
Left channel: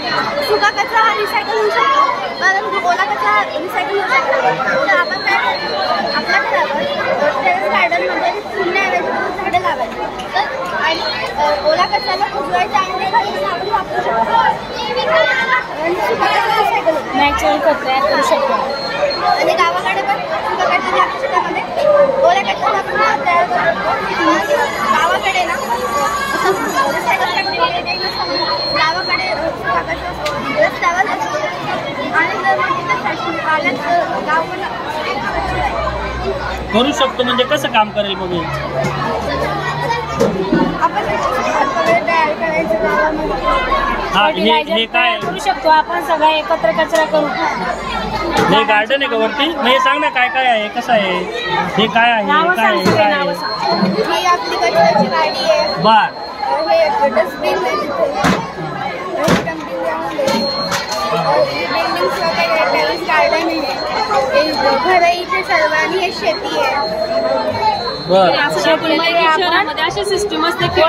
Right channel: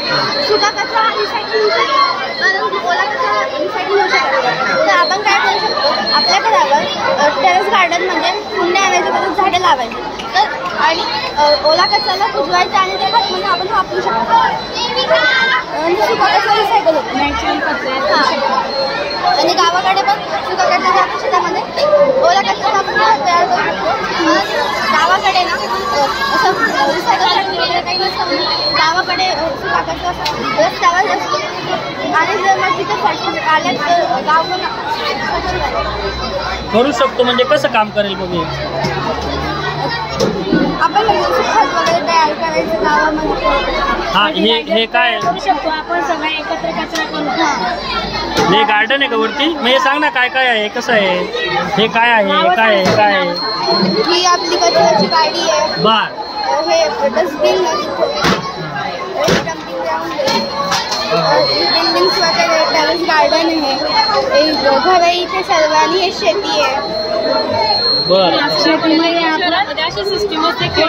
सुका कचरा हा रिसायकल होऊ शकतो परंतु ओला कचरा रिसायकल होऊ शकतो. तर आपण काय करू शकतो? आपल्या घरावर टेरेस गार्डनमध्ये कुंड्या आणायची म्हणून झाडे लावायची. तर आणि ओला कचऱ्याला कुजवायचं आणि ते खत म्हणून आपण वापरू शकतो. आणि सुका कचरा रिसायकल होतो. नॅचरल कचरा आणि गावाकडे पण सुका कचऱ्याच्या शेतामध्ये ओला कचरा आपण तयार करू शकतो. गावाकडे ना असं रिसायकल फॅक्टरी वगैरे काही नसतं. गावाकडे कागदाचं असतं, रस्त्यावर असतो. आणि जर मग तिथे फॅक्टरी आल्यात तर गाव पण स्वच्छ राहील. करू शकतो म्हणजे कसं काम करेल मग हे? आपण खत वगैरे तयार करायचं गावामध्ये. हा हे काय करू शकतो आपण सगळं एकत्र कचरा करू. हे गार्डन आहे का वरती? मग हे सांग ना काय काय आहे, कसं आहे, हे काय आहे, हे काय आहे, काय आहे? ही आपली कचऱ्याची गाडी आहे. बर. हे डस्टबिन बिल्डिंग्स वगैरे टेरेस गार्डन आहे. एक घर आहे इथे सर्वांनी. हे शेती आहे. बर. शहरामध्ये अशी सिस्टीम असते की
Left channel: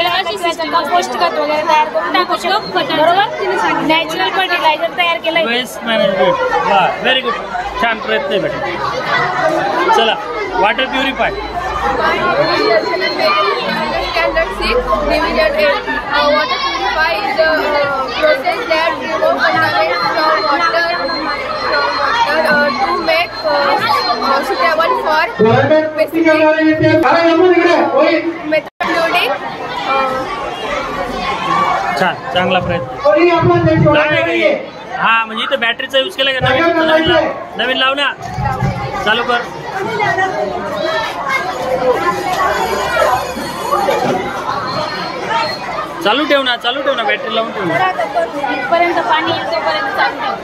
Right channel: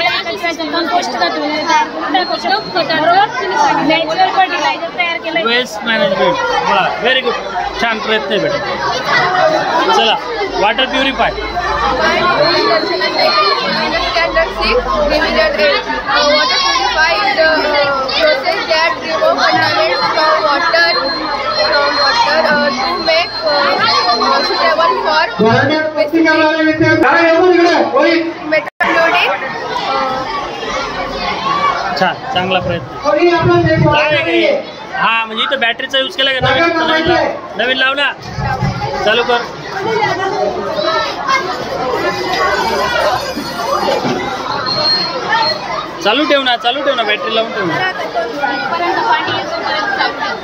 कंपोस्ट नॅचरल फर्टिलायझर तयार केलं. Waste management. बर, व्हेरी गुड. छान प्रयत्न आहे बेटा. चला, water purify. Standard 6, Division 8. Water purify is the process that removes contaminants from water to make suitable for method loading. छान, चांगला प्रयत्न. काय आहे? हा म्हणजे इथं बॅटरीचा यूज केला का? नवीन लाव ना. चालू कर. चालू ठेव ना, बॅटरी लावून ठेव ना.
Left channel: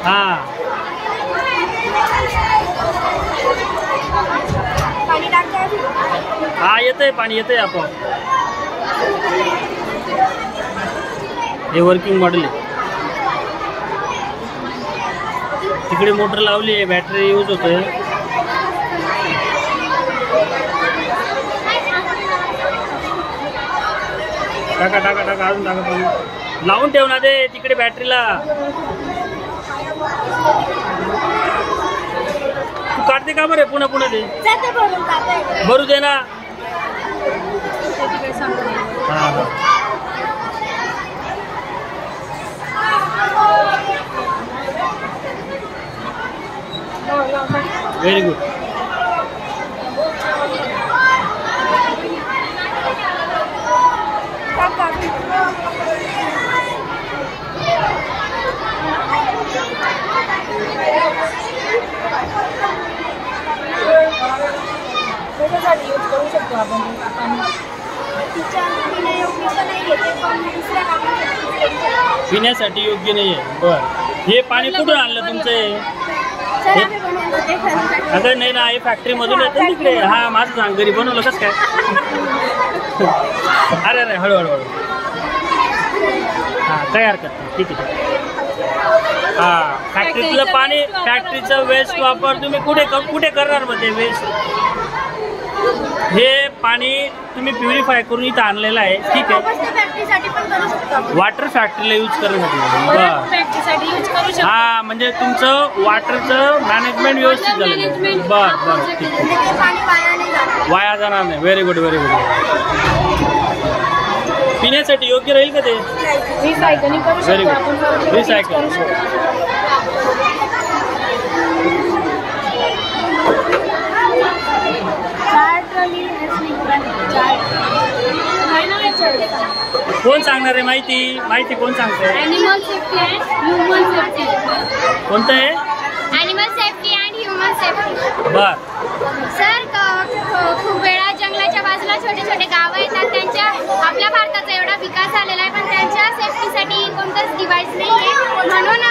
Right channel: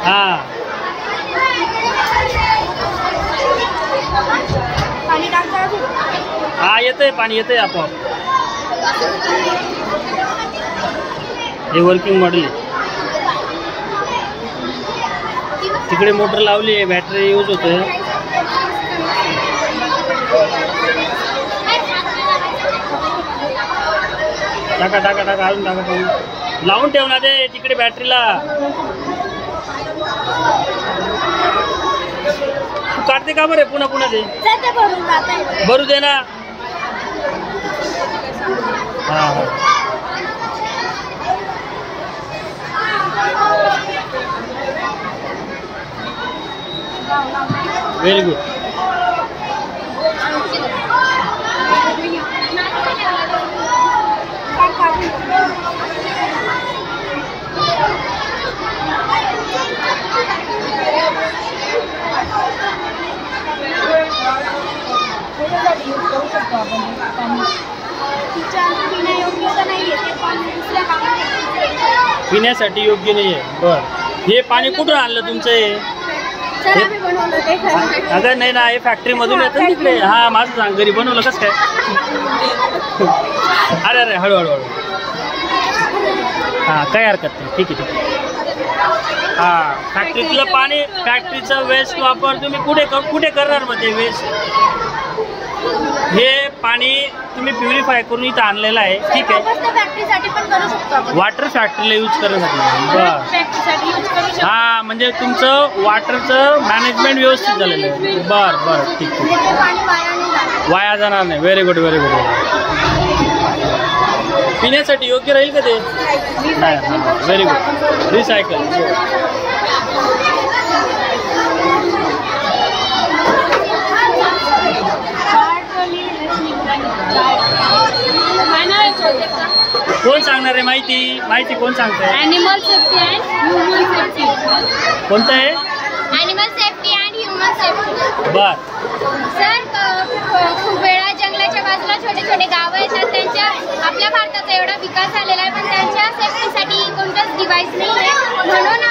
हा, पाणी टाकतात. हा येतंय पाणी, येतंय आपोआप. हे वर्किंग मॉडेल आहे. तिकडे मोटर लावली आहे, बॅटरी यूज होतोय. टाका अजून टाका पाणी. लावून ठेव ना ते तिकडे बॅटरीला. तू काढते का बरे? पुन्हा ते भरू दे ना. हा. Very good. पिण्यासाठी योग्य नाही आहे. बर. हे पाणी कुठून आणलं तुमचं? अगं नाही ना, हे फॅक्टरी मधून येतं तिकडे. हा, माझं सांग, घरी बनवलं कसं काय? अरे हळूहळू. हा, काही हरकत नाही. ठीक आहे. हा, फॅक्टरीतलं पाणी, फॅक्टरीचं वेस्ट वापर तुम्ही कुठे करणार? मग ते वेस्ट, हे पाणी तुम्ही प्युरिफाय करून इथं आणलेलं आहे. ठीक आहे. फॅक्टरीसाठी पण करू शकतो आपण. वॉटर फॅक्टरीला यूज करण्यासाठी. बर. हा, म्हणजे तुमचं वॉटरचं मॅनेजमेंट व्यवस्थित झालेलं आहे. बर, ठीक आहे. वाया जाणार नाही. Very good. पिण्यासाठी योग्य राहील का ते? Very good. रिसायकल. कोण सांगणार आहे माहिती कोण सांगतंय? Animal safety and human safety. कोणतं आहे? Animal safety and human safety. बर. सर, खूप वेळा जंगलाच्या बाजूला छोटे गावं येतात. त्यांच्या आपल्या भारताचा एवढा विकास झालेला आहे, पण त्यांच्या सेफ्टीसाठी कोणतंच डिव्हाइस नाही आहे. म्हणून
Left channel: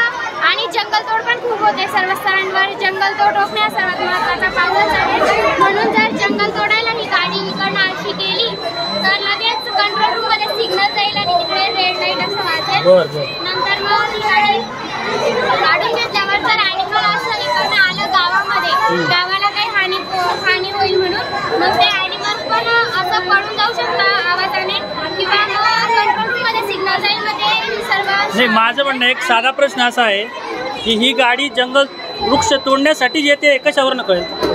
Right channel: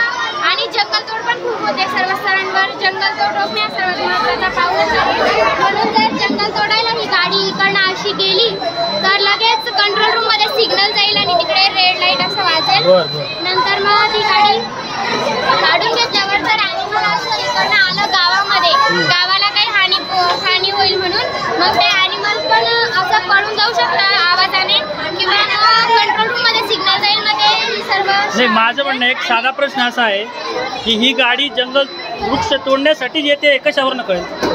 आणि जंगलतोड पण खूप होते सर्व स्तरांवर. जंगलतोड रोखणे हा सर्वात महत्त्वाचा पाऊलच आहे. म्हणून जर जंगल तोडायला ही गाडी इकडनं अशी गेली तर लगेच कंट्रोल रूम मध्ये सिग्नल जाईल आणि तिकडे रेड लाईट असं वाजेल. नंतर मग ती गाडी काढून घेतल्यावर जर ॲनिमल असं इकडनं आलं गावामध्ये, गावाला काही हानी होईल म्हणून मग ते ॲनिमल पण असं पळून जाऊ शकतं आवाजाने, किंवा कंट्रोल रूम मध्ये सिग्नल जाईल. मग ते सर्व नाही, माझं म्हणणं एक साधा प्रश्न असा आहे की ही गाडी जंगल वृक्ष तोडण्यासाठी येते, कशावर कळेल?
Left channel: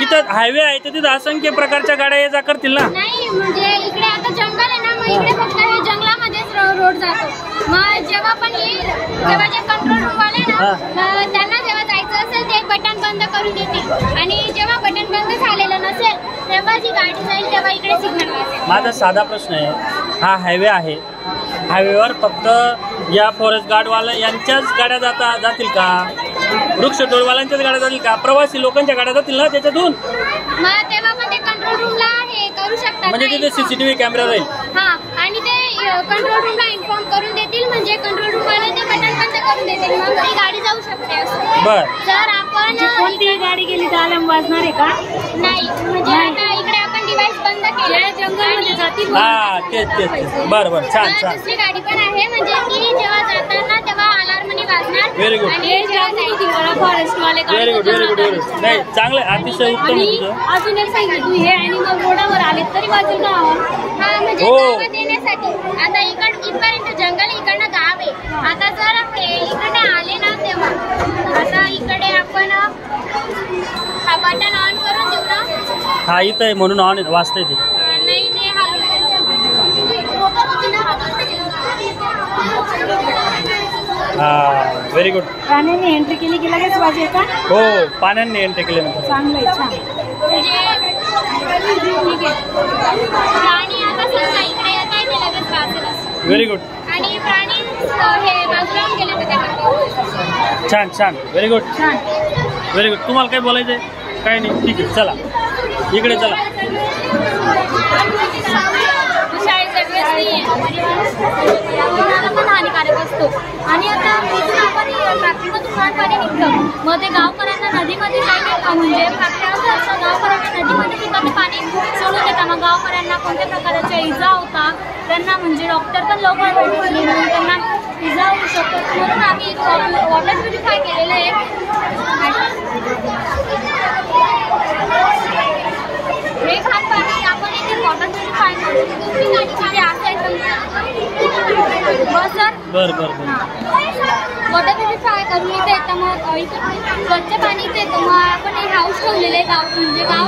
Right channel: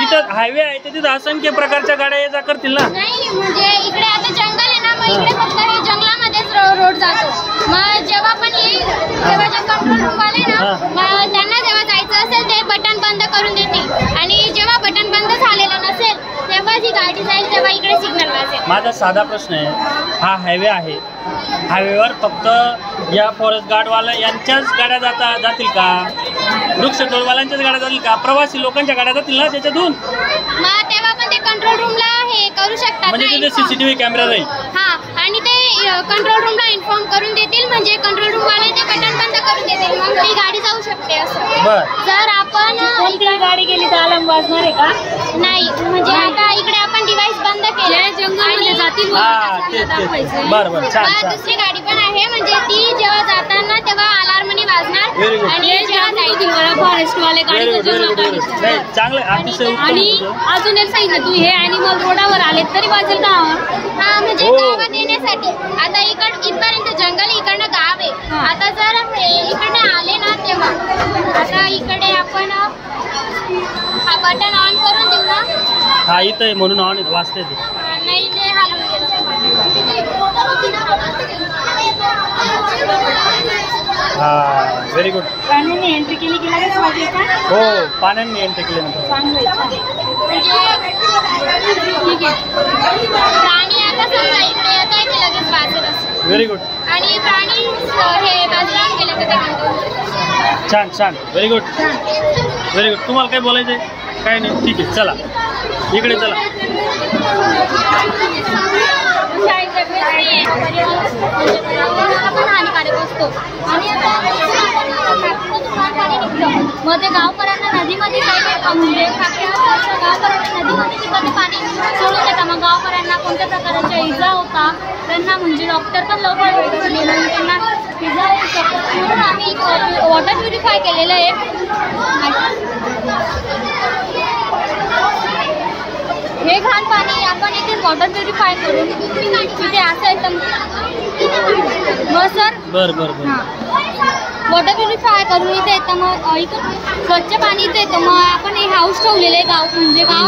तिथं हायवे आहे तर तिथं असंख्य प्रकारच्या गाड्या ये जा करतील ना. नाही, म्हणजे इकडे आता जंगल आहे ना, मग इकडे फक्त हे जंगलामध्येच रोड जातो. मग जेव्हा पण येईल तेव्हा जे कंट्रोल रूम वाले ना, मग त्यांना जेव्हा जायचं असेल ते बटन बंद करून देतील. आणि जेव्हा बटन बंद झालेलं नसेल इकडे सिग्नल वाजेल. माझा साधा प्रश्न आहे, हा हायवे आहे, हायवेवर फक्त या फॉरेस्ट गार्डवाला यांच्याच गाड्या जातील का? वृक्षतोडवाल्यांच्याच गाड्या जातील का? प्रवासी लोकांच्या गाड्या जातील ना त्याच्यातून? मग तेव्हा पण ते कंट्रोल रूमला हे करू शकतात. म्हणजे तिथे CCTV कॅमेरा राहील. हां, आणि ते कंट्रोल रूमला इन्फॉर्म करून देतील, म्हणजे कंट्रोल रूमवाले ते बटन बंद करून देतील, मग ती गाडी जाऊ शकते असं. बर. जर आपण कोणतीही गाडी गेली तर अलार्म वाजणार आहे का? नाही, म्हणजे आता इकडे आपण डिव्हाइस बंद केले जंगलमध्ये जातील. हा तेच बरं बरं, छान छान. दुसरी गाडी पण आहे, म्हणजे ती जेव्हा जाताना तेव्हा अलार्मनी वाजणार. Very good. आणि जेव्हा फॉरेस्टवाले very good very good very good. नाही चांगलं, अतिशय उत्तम आणि तुझं. अजून एक सांगितलं, तू हे ॲनिमल रोडावर आले तरी वाजेल का? म्हणजे हो. गावात येण्यासाठी आता इथपर्यंत जंगल, इकडनं गाव आहे. आता जर इकडे आले ना तेव्हा आता इकडे आपण हा बटन ऑन करून देऊ ना. हा इथं आहे म्हणून ऑन वाजते ते. नाही ते हलवून हा व्हेरी गुड. प्राण्यांनी एंट्री केली की लगेच वाजेल का? हो, पाण्याने एंट्री केल्यानंतर. चांगलं आहे, छान. म्हणजे ठीक आहे. प्राणी आता समजा इकडे येत आहे ते लगेच वाचेल असं. Very good. आणि प्राणी हे बाजूला गेले तर ते छान छान व्हेरी गुड व्हेरी गुड. तुम्हाला काय बोलायचं आहे? काय नाही, ठीक आहे, चला इकडे चला. पर्यावरणाला पण हानिकारक असतो. आणि आता फॅक्टरीमधून घाण पाणी निघतं, मग ते गावकऱ्यांना नदीमध्ये काही म्हणजे फॅक्टरी असं असतं, गावकऱ्यांना नदीमध्ये तिथं ते पाणी सोडून देतात. मग गावकऱ्यांना कोणत्या प्रकारच्या इजा होता, त्यांना म्हणजे डॉक्टर पण लवकर भेटत नाही, म्हणून त्यांना इजा होऊ शकतात. म्हणून आम्ही वॉटर प्युरिफाय केलेलं आहे. हे घाण पाणी आपण इथे वॉटर प्युरिफाय करून तिथे असं एकदम मग सर बरं बरं बरं. वॉटर प्युरिफाय करून इथे येतं, मग इथून स्वच्छ पाणी इथे येतं. मग आपण हे हाऊस ठेवलेले आहे, गाव म्हणजे गाव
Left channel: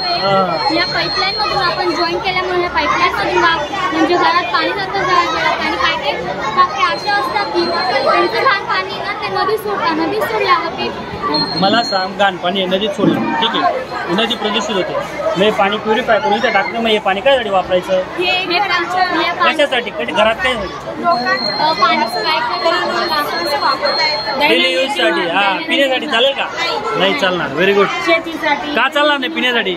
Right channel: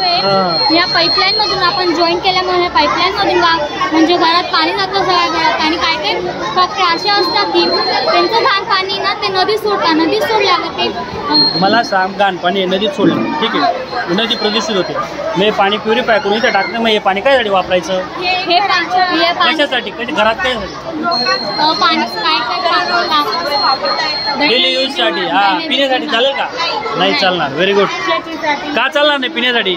आहे. या पाईपलाईनमधून आपण जॉईन केल्यामुळे ह्या पाईपलाईनमधून गाव म्हणजे घरात पाणी जातं घरात. आणि काय काही फक्त असे असतात की त्यांचं घाण पाणी ना ते नदीत सोडतात, नदीत सोडल्यावर ते मला सांग, घाण पाणी नदीत सोडलं, ठीक आहे, नदी प्रदूषित होते, मग हे पाणी प्युरिफाय करून इथे टाकलं, मग हे पाणी कायसाठी वापरायचं? हे पाणी कशासाठी? घरात काय डेली यूजसाठी? हा, पिण्यासाठी चालेल का? नाही चालणार. Very good. का चालणार नाही पिण्यासाठी?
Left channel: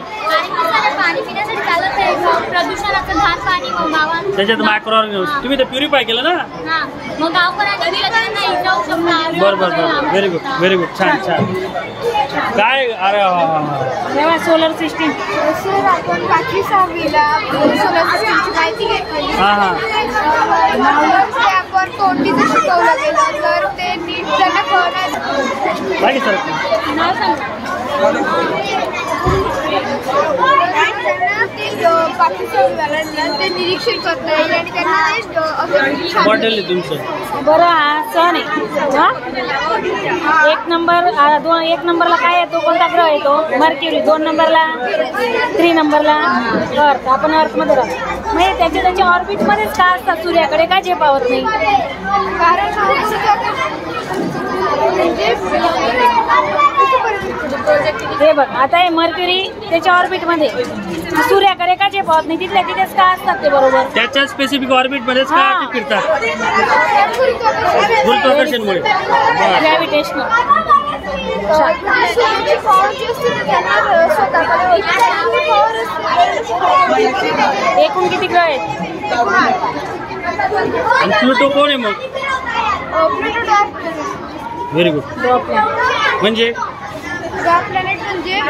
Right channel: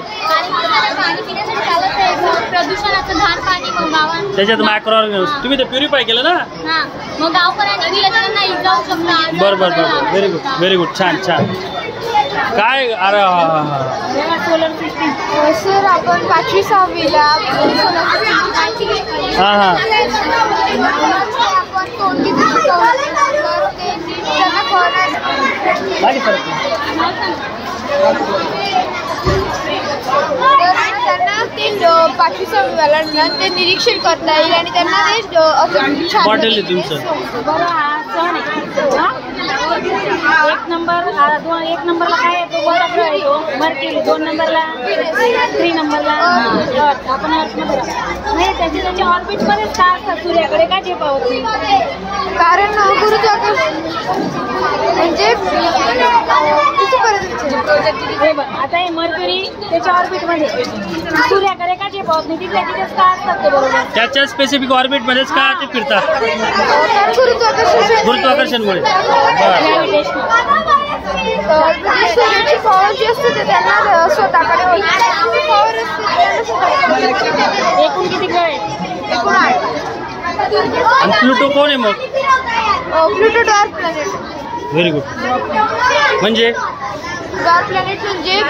पाणी पिण्यासाठी चालत आहे, प्रदूषणाचं घाण पाणी मग गावात त्याच्यात मायक्रो ऑर्गॅनिझम तुम्ही ते प्युरिफाय केलं ना. हां, मग गावकऱ्यांनी दिलं त्यांना इजा होऊ शकतात. बरं बरं बरं. Very good very good. छान छान. काय? अरे सोलर सिस्टीम. सर आपण 5वी-6वीला सोलर सिस्टीमची माहिती घेतली. हां हां. आपण कोणतीच शिकवलं तर ते नीट त्यांना कळणार. बाकी सर त्यांना ते 5वी-6वीवाल्यांना ते निरीक्षण करता येईल आणि त्यांना ते बॉटल आहे तुमचं. बरं, हा सण आहे. एक नंबरला काय येतो, कोणता ग्रह येतो? मर्क्युरी. 2 नंबरला 3 नंबरला आपण अर्थमध्ये राहतो. म्हणजे त्याच्या ऑर्बिटमध्येच का असतात, सूर्याकडे का झेपावत नाही? कारण हे बघ, आता हे मर्क्युरी त्याच्या ऑर्बिटमध्ये सूर्याकडे का झेपावत नाही? तिथल्या तिथेच का असतात ते? बरोबर, त्याच्या स्पेसिफिक ऑर्बिटमध्येच का ते फिरतात? गुरुत्वाकर्षणमुळे. बरं. ग्रॅव्हिटेशनल. एकूण किती ग्रह आहेत? आणि प्लुटो कोण आहे मग? Pluto dark planet. Very good. म्हणजे डार्क प्लॅनेट म्हणजे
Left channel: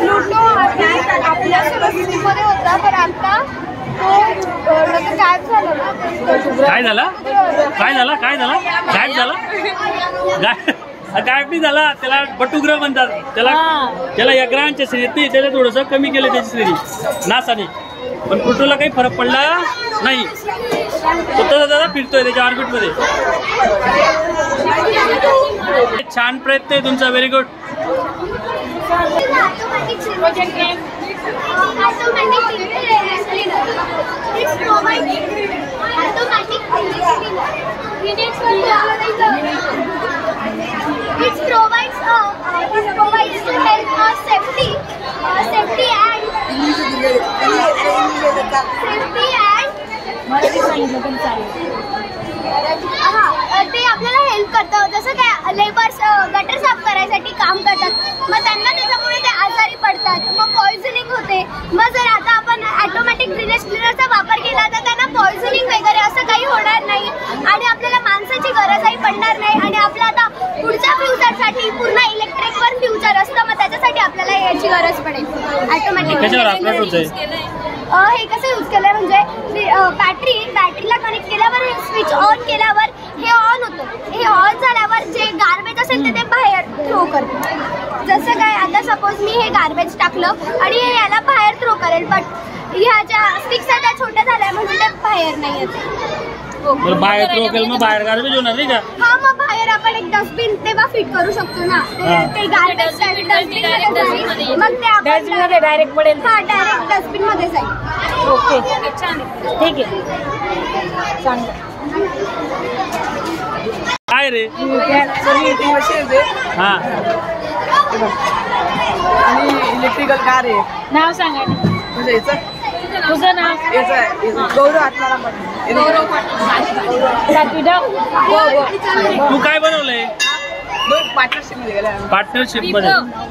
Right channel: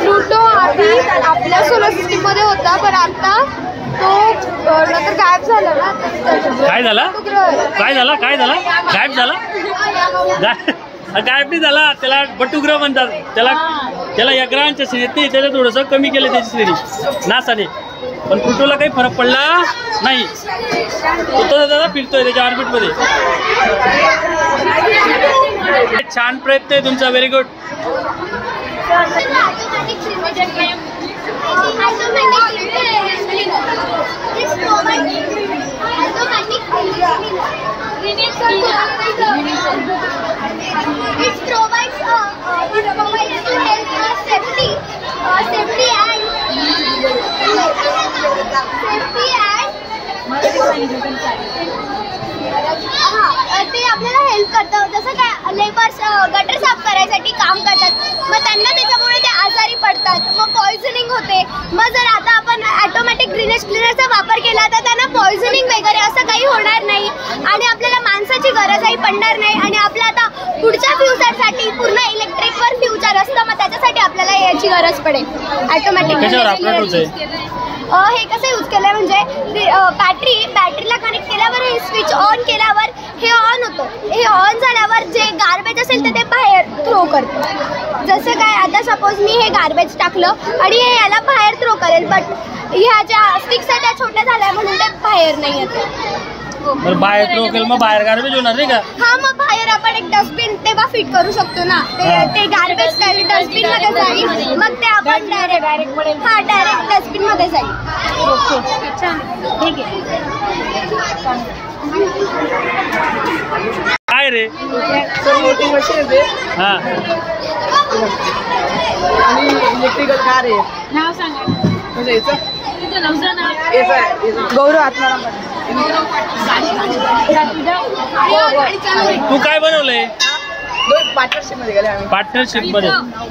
प्लुटो आपल्या सोलर सिस्टीममध्ये होता, पण आता तो नंतर गायब झाला ना. काय झाला? काय झाला? काय झाला? गायब झाला? गायब नाही झाला, त्याला बटुग्रह म्हणतात. त्याला या ग्रहांच्या श्रेणीत नाही, त्याला थोडंसं कमी केलं त्याची श्रेणी नासाने. पण प्लुटोला काही फरक पडला नाही, तो तसा फिरतोय त्याच्या ऑर्बिटमध्ये. छान प्रयत्न आहे तुमचा. Very good. This provides to help us safety and safety and Marathi सांगितलं तरी चालेल. ते आपल्याला हेल्प करतं. जसं काय लेबर्स गटर साफ करायसाठी काम करतात, मग त्यांना त्याच्यामुळे ते आजारी पडतात, मग पॉयझनिंग होते. मग जर आता आपण ऑटोमॅटिक ड्रेनेज क्लिनरचा वापर केला तर त्यांना पॉयझनिंग वगैरे असं काही होणार नाही आणि आपल्याला माणसाची गरजही पडणार नाही. आणि आपल्या आता पुढच्या फ्युचरसाठी पूर्ण इलेक्ट्रिकवर फ्युचर असतं, मग त्याच्यासाठी आपल्याला याची गरज पडेल ऑटोमॅटिक. हे कसं यूज केलं म्हणजे बॅटरीला कनेक्ट केल्यावर हे स्विच ऑन केल्यावर हे ऑन होतं. हे ऑन झाल्यावर जे गार्बेज असेल तर ते बाहेर थ्रो करतं. जसं काय आता सपोज मी हे गार्बेज टाकलं आणि हे याला बाहेर थ्रो करेल, बट ह्या ज्या स्टिक्स आहेत त्या छोट्या झाल्या म्हणून ते बाहेर नाही येत. बाहेर थ्रो केलं मग बाहेर गार्बेज होणार नाही का? हा, मग बाहेर आपण एक डस्टबिन तेव्हा फिट करू शकतो ना. ते गार्बेज डस्टबिन मध्ये जाईल, मग ते आपण डायरेक्ट पडेल. हा, डायरेक्ट डस्टबिन मध्ये जाईल. ओके, छान, ठीक आहे. काय रे? वॉशिंग मशीन आहे हा, आणि इलेक्ट्रिकल कार आहे. नाव सांगा. म्हणजे याचं तुझं नाव? याचं गौरव आत्माराम पाटील. तू काय बनवलंय? पार्टनरशिप मध्ये गेले आम्ही. पार्टनरशिप मध्ये.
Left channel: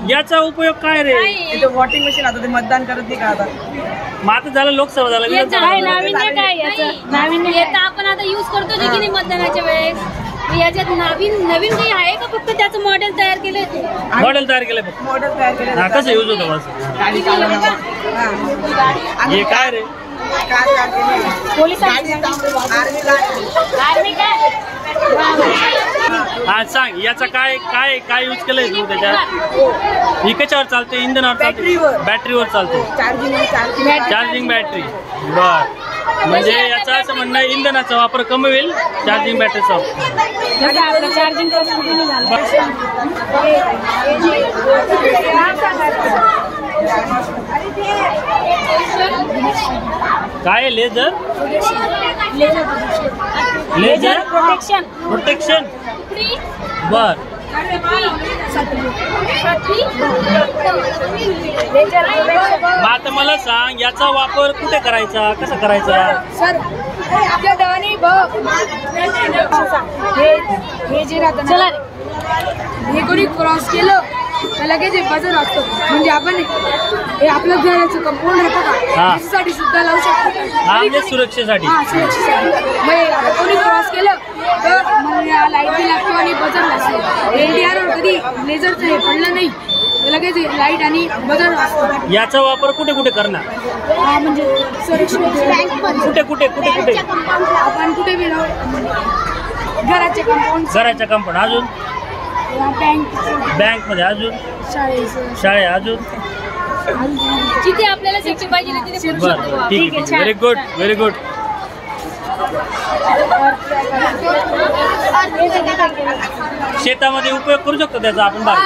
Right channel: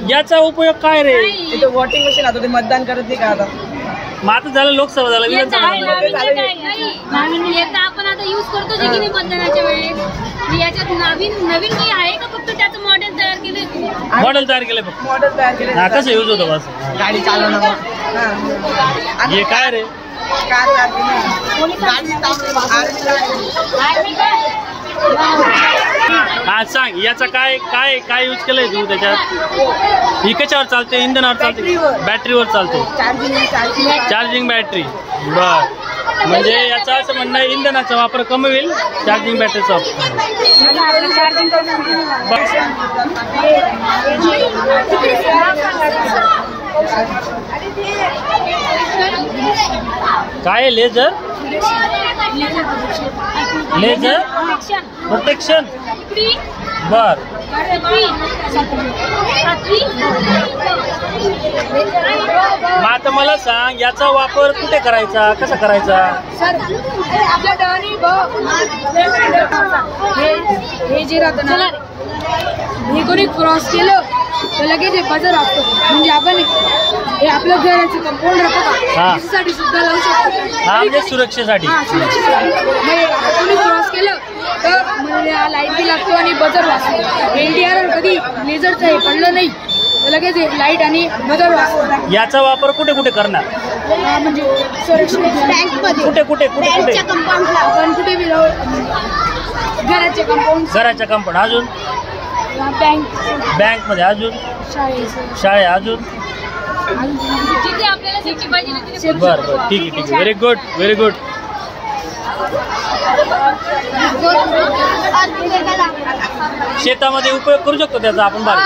याचा उपयोग काय रे? इथे वॉटिंग मशीन आता ते मतदान करत नाही का आता. मग आता झालं लोकसभा झालं विधानसभा झालं. आपण आता युज करतो की नाही मतदानाच्या वेळेस. याच्यात नवीन काही आहे का फक्त त्याचं मॉडेल तयार केलंय तू? मॉडेल तयार केलंय फक्त. मॉडेल तयार केले. हा, कसं यूज होतं बस? गाडी चालवणं. हा. हे काय रे? कार तयार केली. हा, सांग याचा काय काय काय यूज केलंय तू त्याच्यात? ही कशावर चालते? इंधनावर चालते? बॅटरीवर चालते. Charging battery. बर, म्हणजे याचा असं म्हणणं आहे इंधनाचा वापर कमी होईल, चार्जिंग बॅटरीचा चार्जिंग काय? Laser protection. बर, मग आता मला सांग याचा वापर कुठे करायचा, कसा करायचा? हे जे राहतं ना, हे कोणी क्रॉस केलं तर लगेच हे बजर असतो. म्हणजे आपण हे आपलं घराचं कंपाऊंड राहतं का, त्याच्यासाठी सुद्धा लावू शकतो. हा, म्हणजे सुरक्षेसाठी. हा, सुरक्षेसाठी. मग आता कोणी क्रॉस केलं तर मला लाईट बी लागतो आणि बजर वाचतो. LDR कधी लेझरचं हे पडलं नाही तर लगेच लाईट आणि बजर वाचतो. याचा वापर कुठे कुठे करणार? हा, म्हणजे सुरक्षित कुठे कुठे कुठे कुठे आपण कुठे बी लावू. घराचे कंपाऊंड. अजून बँक मध्ये, अजून शाळे, अजून जिथे आपल्याला सेफ्टी पाहिजे तिथे. बर बर, ठीक आहे ठीक आहे. Very good, very good. शेतामध्ये उपयोग करू शकतो त्याचा आपण बाहेर.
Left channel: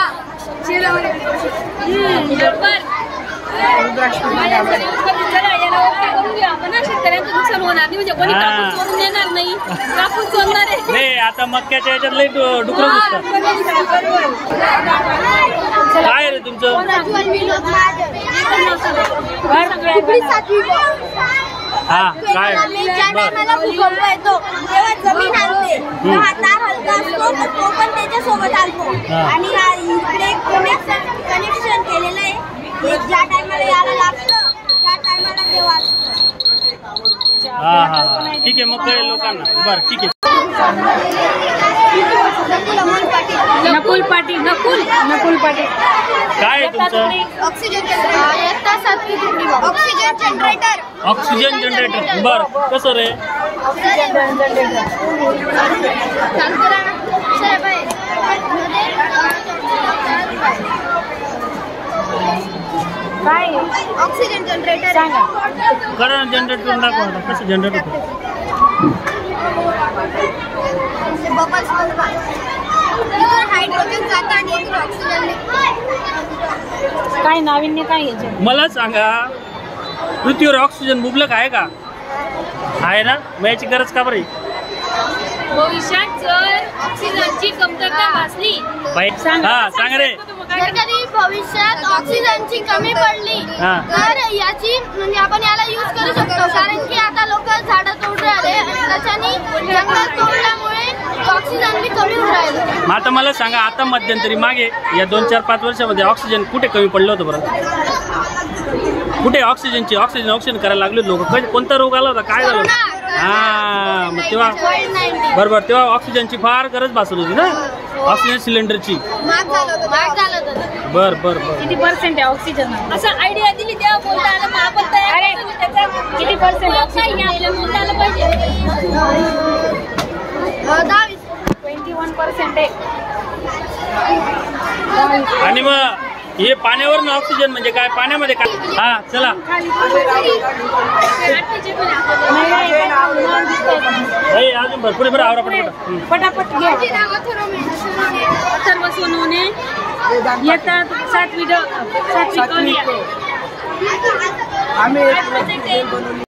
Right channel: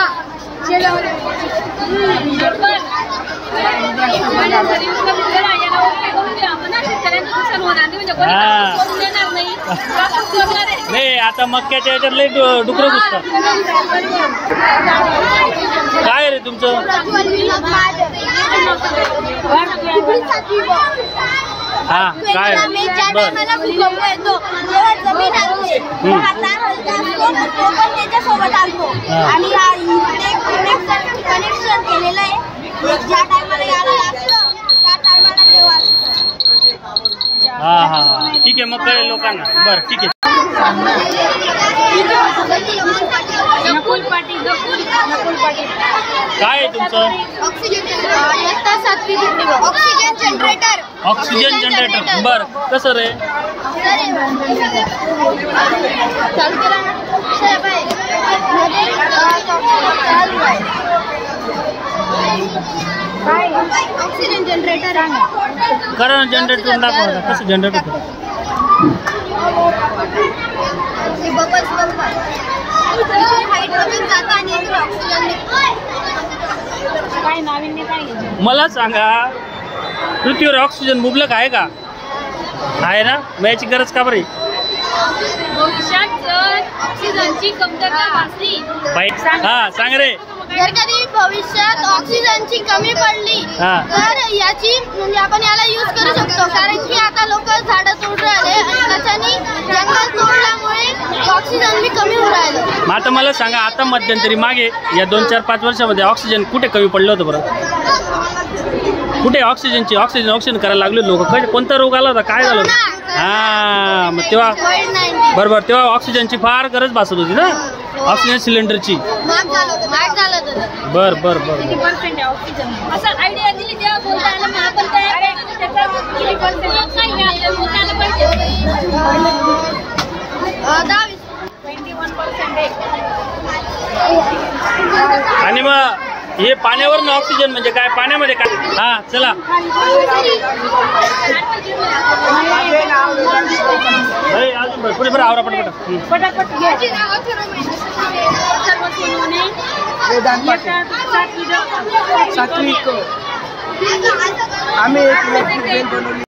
नाही, आता मक्याच्या याच्यात लई डुकरं घुसतात. काय रे तुमचं? हा, काय? ज्या टायमाला भूकंप येतो तेव्हा जमीन हलते, तार हलका असतो तो पण त्याच्यासोबत हलतो. आणि इकडे कनेक्शन केलेलं आहे. ज्या टायमाला याला लागतं त्या टायमाला ते वाजतं. हा हा हा, ठीक आहे. मग कळेल लोकांना. बरं, ठीक आहे. नकुल पाटील. काय आहे तुमचं? Oxygen generator. Oxygen generator. बर, कसं रे? चालू करा ना साहेब. ऑक्सिजन जनरेटर आहे. करा जनरेट करून दाखवा आता कसं जनरेट होतं. ते बबल्स बनतात. इथून हायड्रोजन जातं आणि इथून ऑक्सिजन निघतं. काय नाविन्य काय आहे? मला सांगा, पृथ्वीवर ऑक्सिजन मुबलक आहे का? आहे ना, मग याची गरज का बरं? भविष्यात जर ऑक्सिजनची कमतरता भासली बाई, हा सांग रे. जर कधी भविष्यात ऑक्सिजनची कमी पडली हा. तर याची म्हणजे आपण याला यूज करू शकतो, कारण की आता लोक झाडं तोड राहिले आणि त्याच्यानी जंगल तोडल्यामुळे ऑक्सिजन बी कमी होऊ राहिलं. मग आता मला सांगा, आता मध्यंतरी मागे या 2-4-5 वर्षामध्ये ऑक्सिजन कुठे कमी पडलं होतं बरं? कुठे ऑक्सिजन करायला लागले लोक? कोणता रोग आला होता, काय झालं होतं? हा, मग तेव्हा कोविड-19 बरोबर, तेव्हा ऑक्सिजनची फार गरज भासत होती ना, ऑक्सिजन सिलेंडरची. महाग झालं होतं. बर किती पर्सेंट आहे ऑक्सिजन? असं आयडिया दिली तेव्हा बोलता आलं मला, पण त्याचा किती पर्सेंट ऑक्सिजन बोलता आलं पाहिजे. 21% आहे. आणि मग हे पाण्यावरनं ऑक्सिजन म्हणजे काय? पाण्यामध्ये काय? हा चला माझे नाव भाई, अजून भरपूर बरं आवरा पटपट. पटापट घे. सर्व सोनवणे येतात 7वी सात्विक. आम्ही एक बनवली.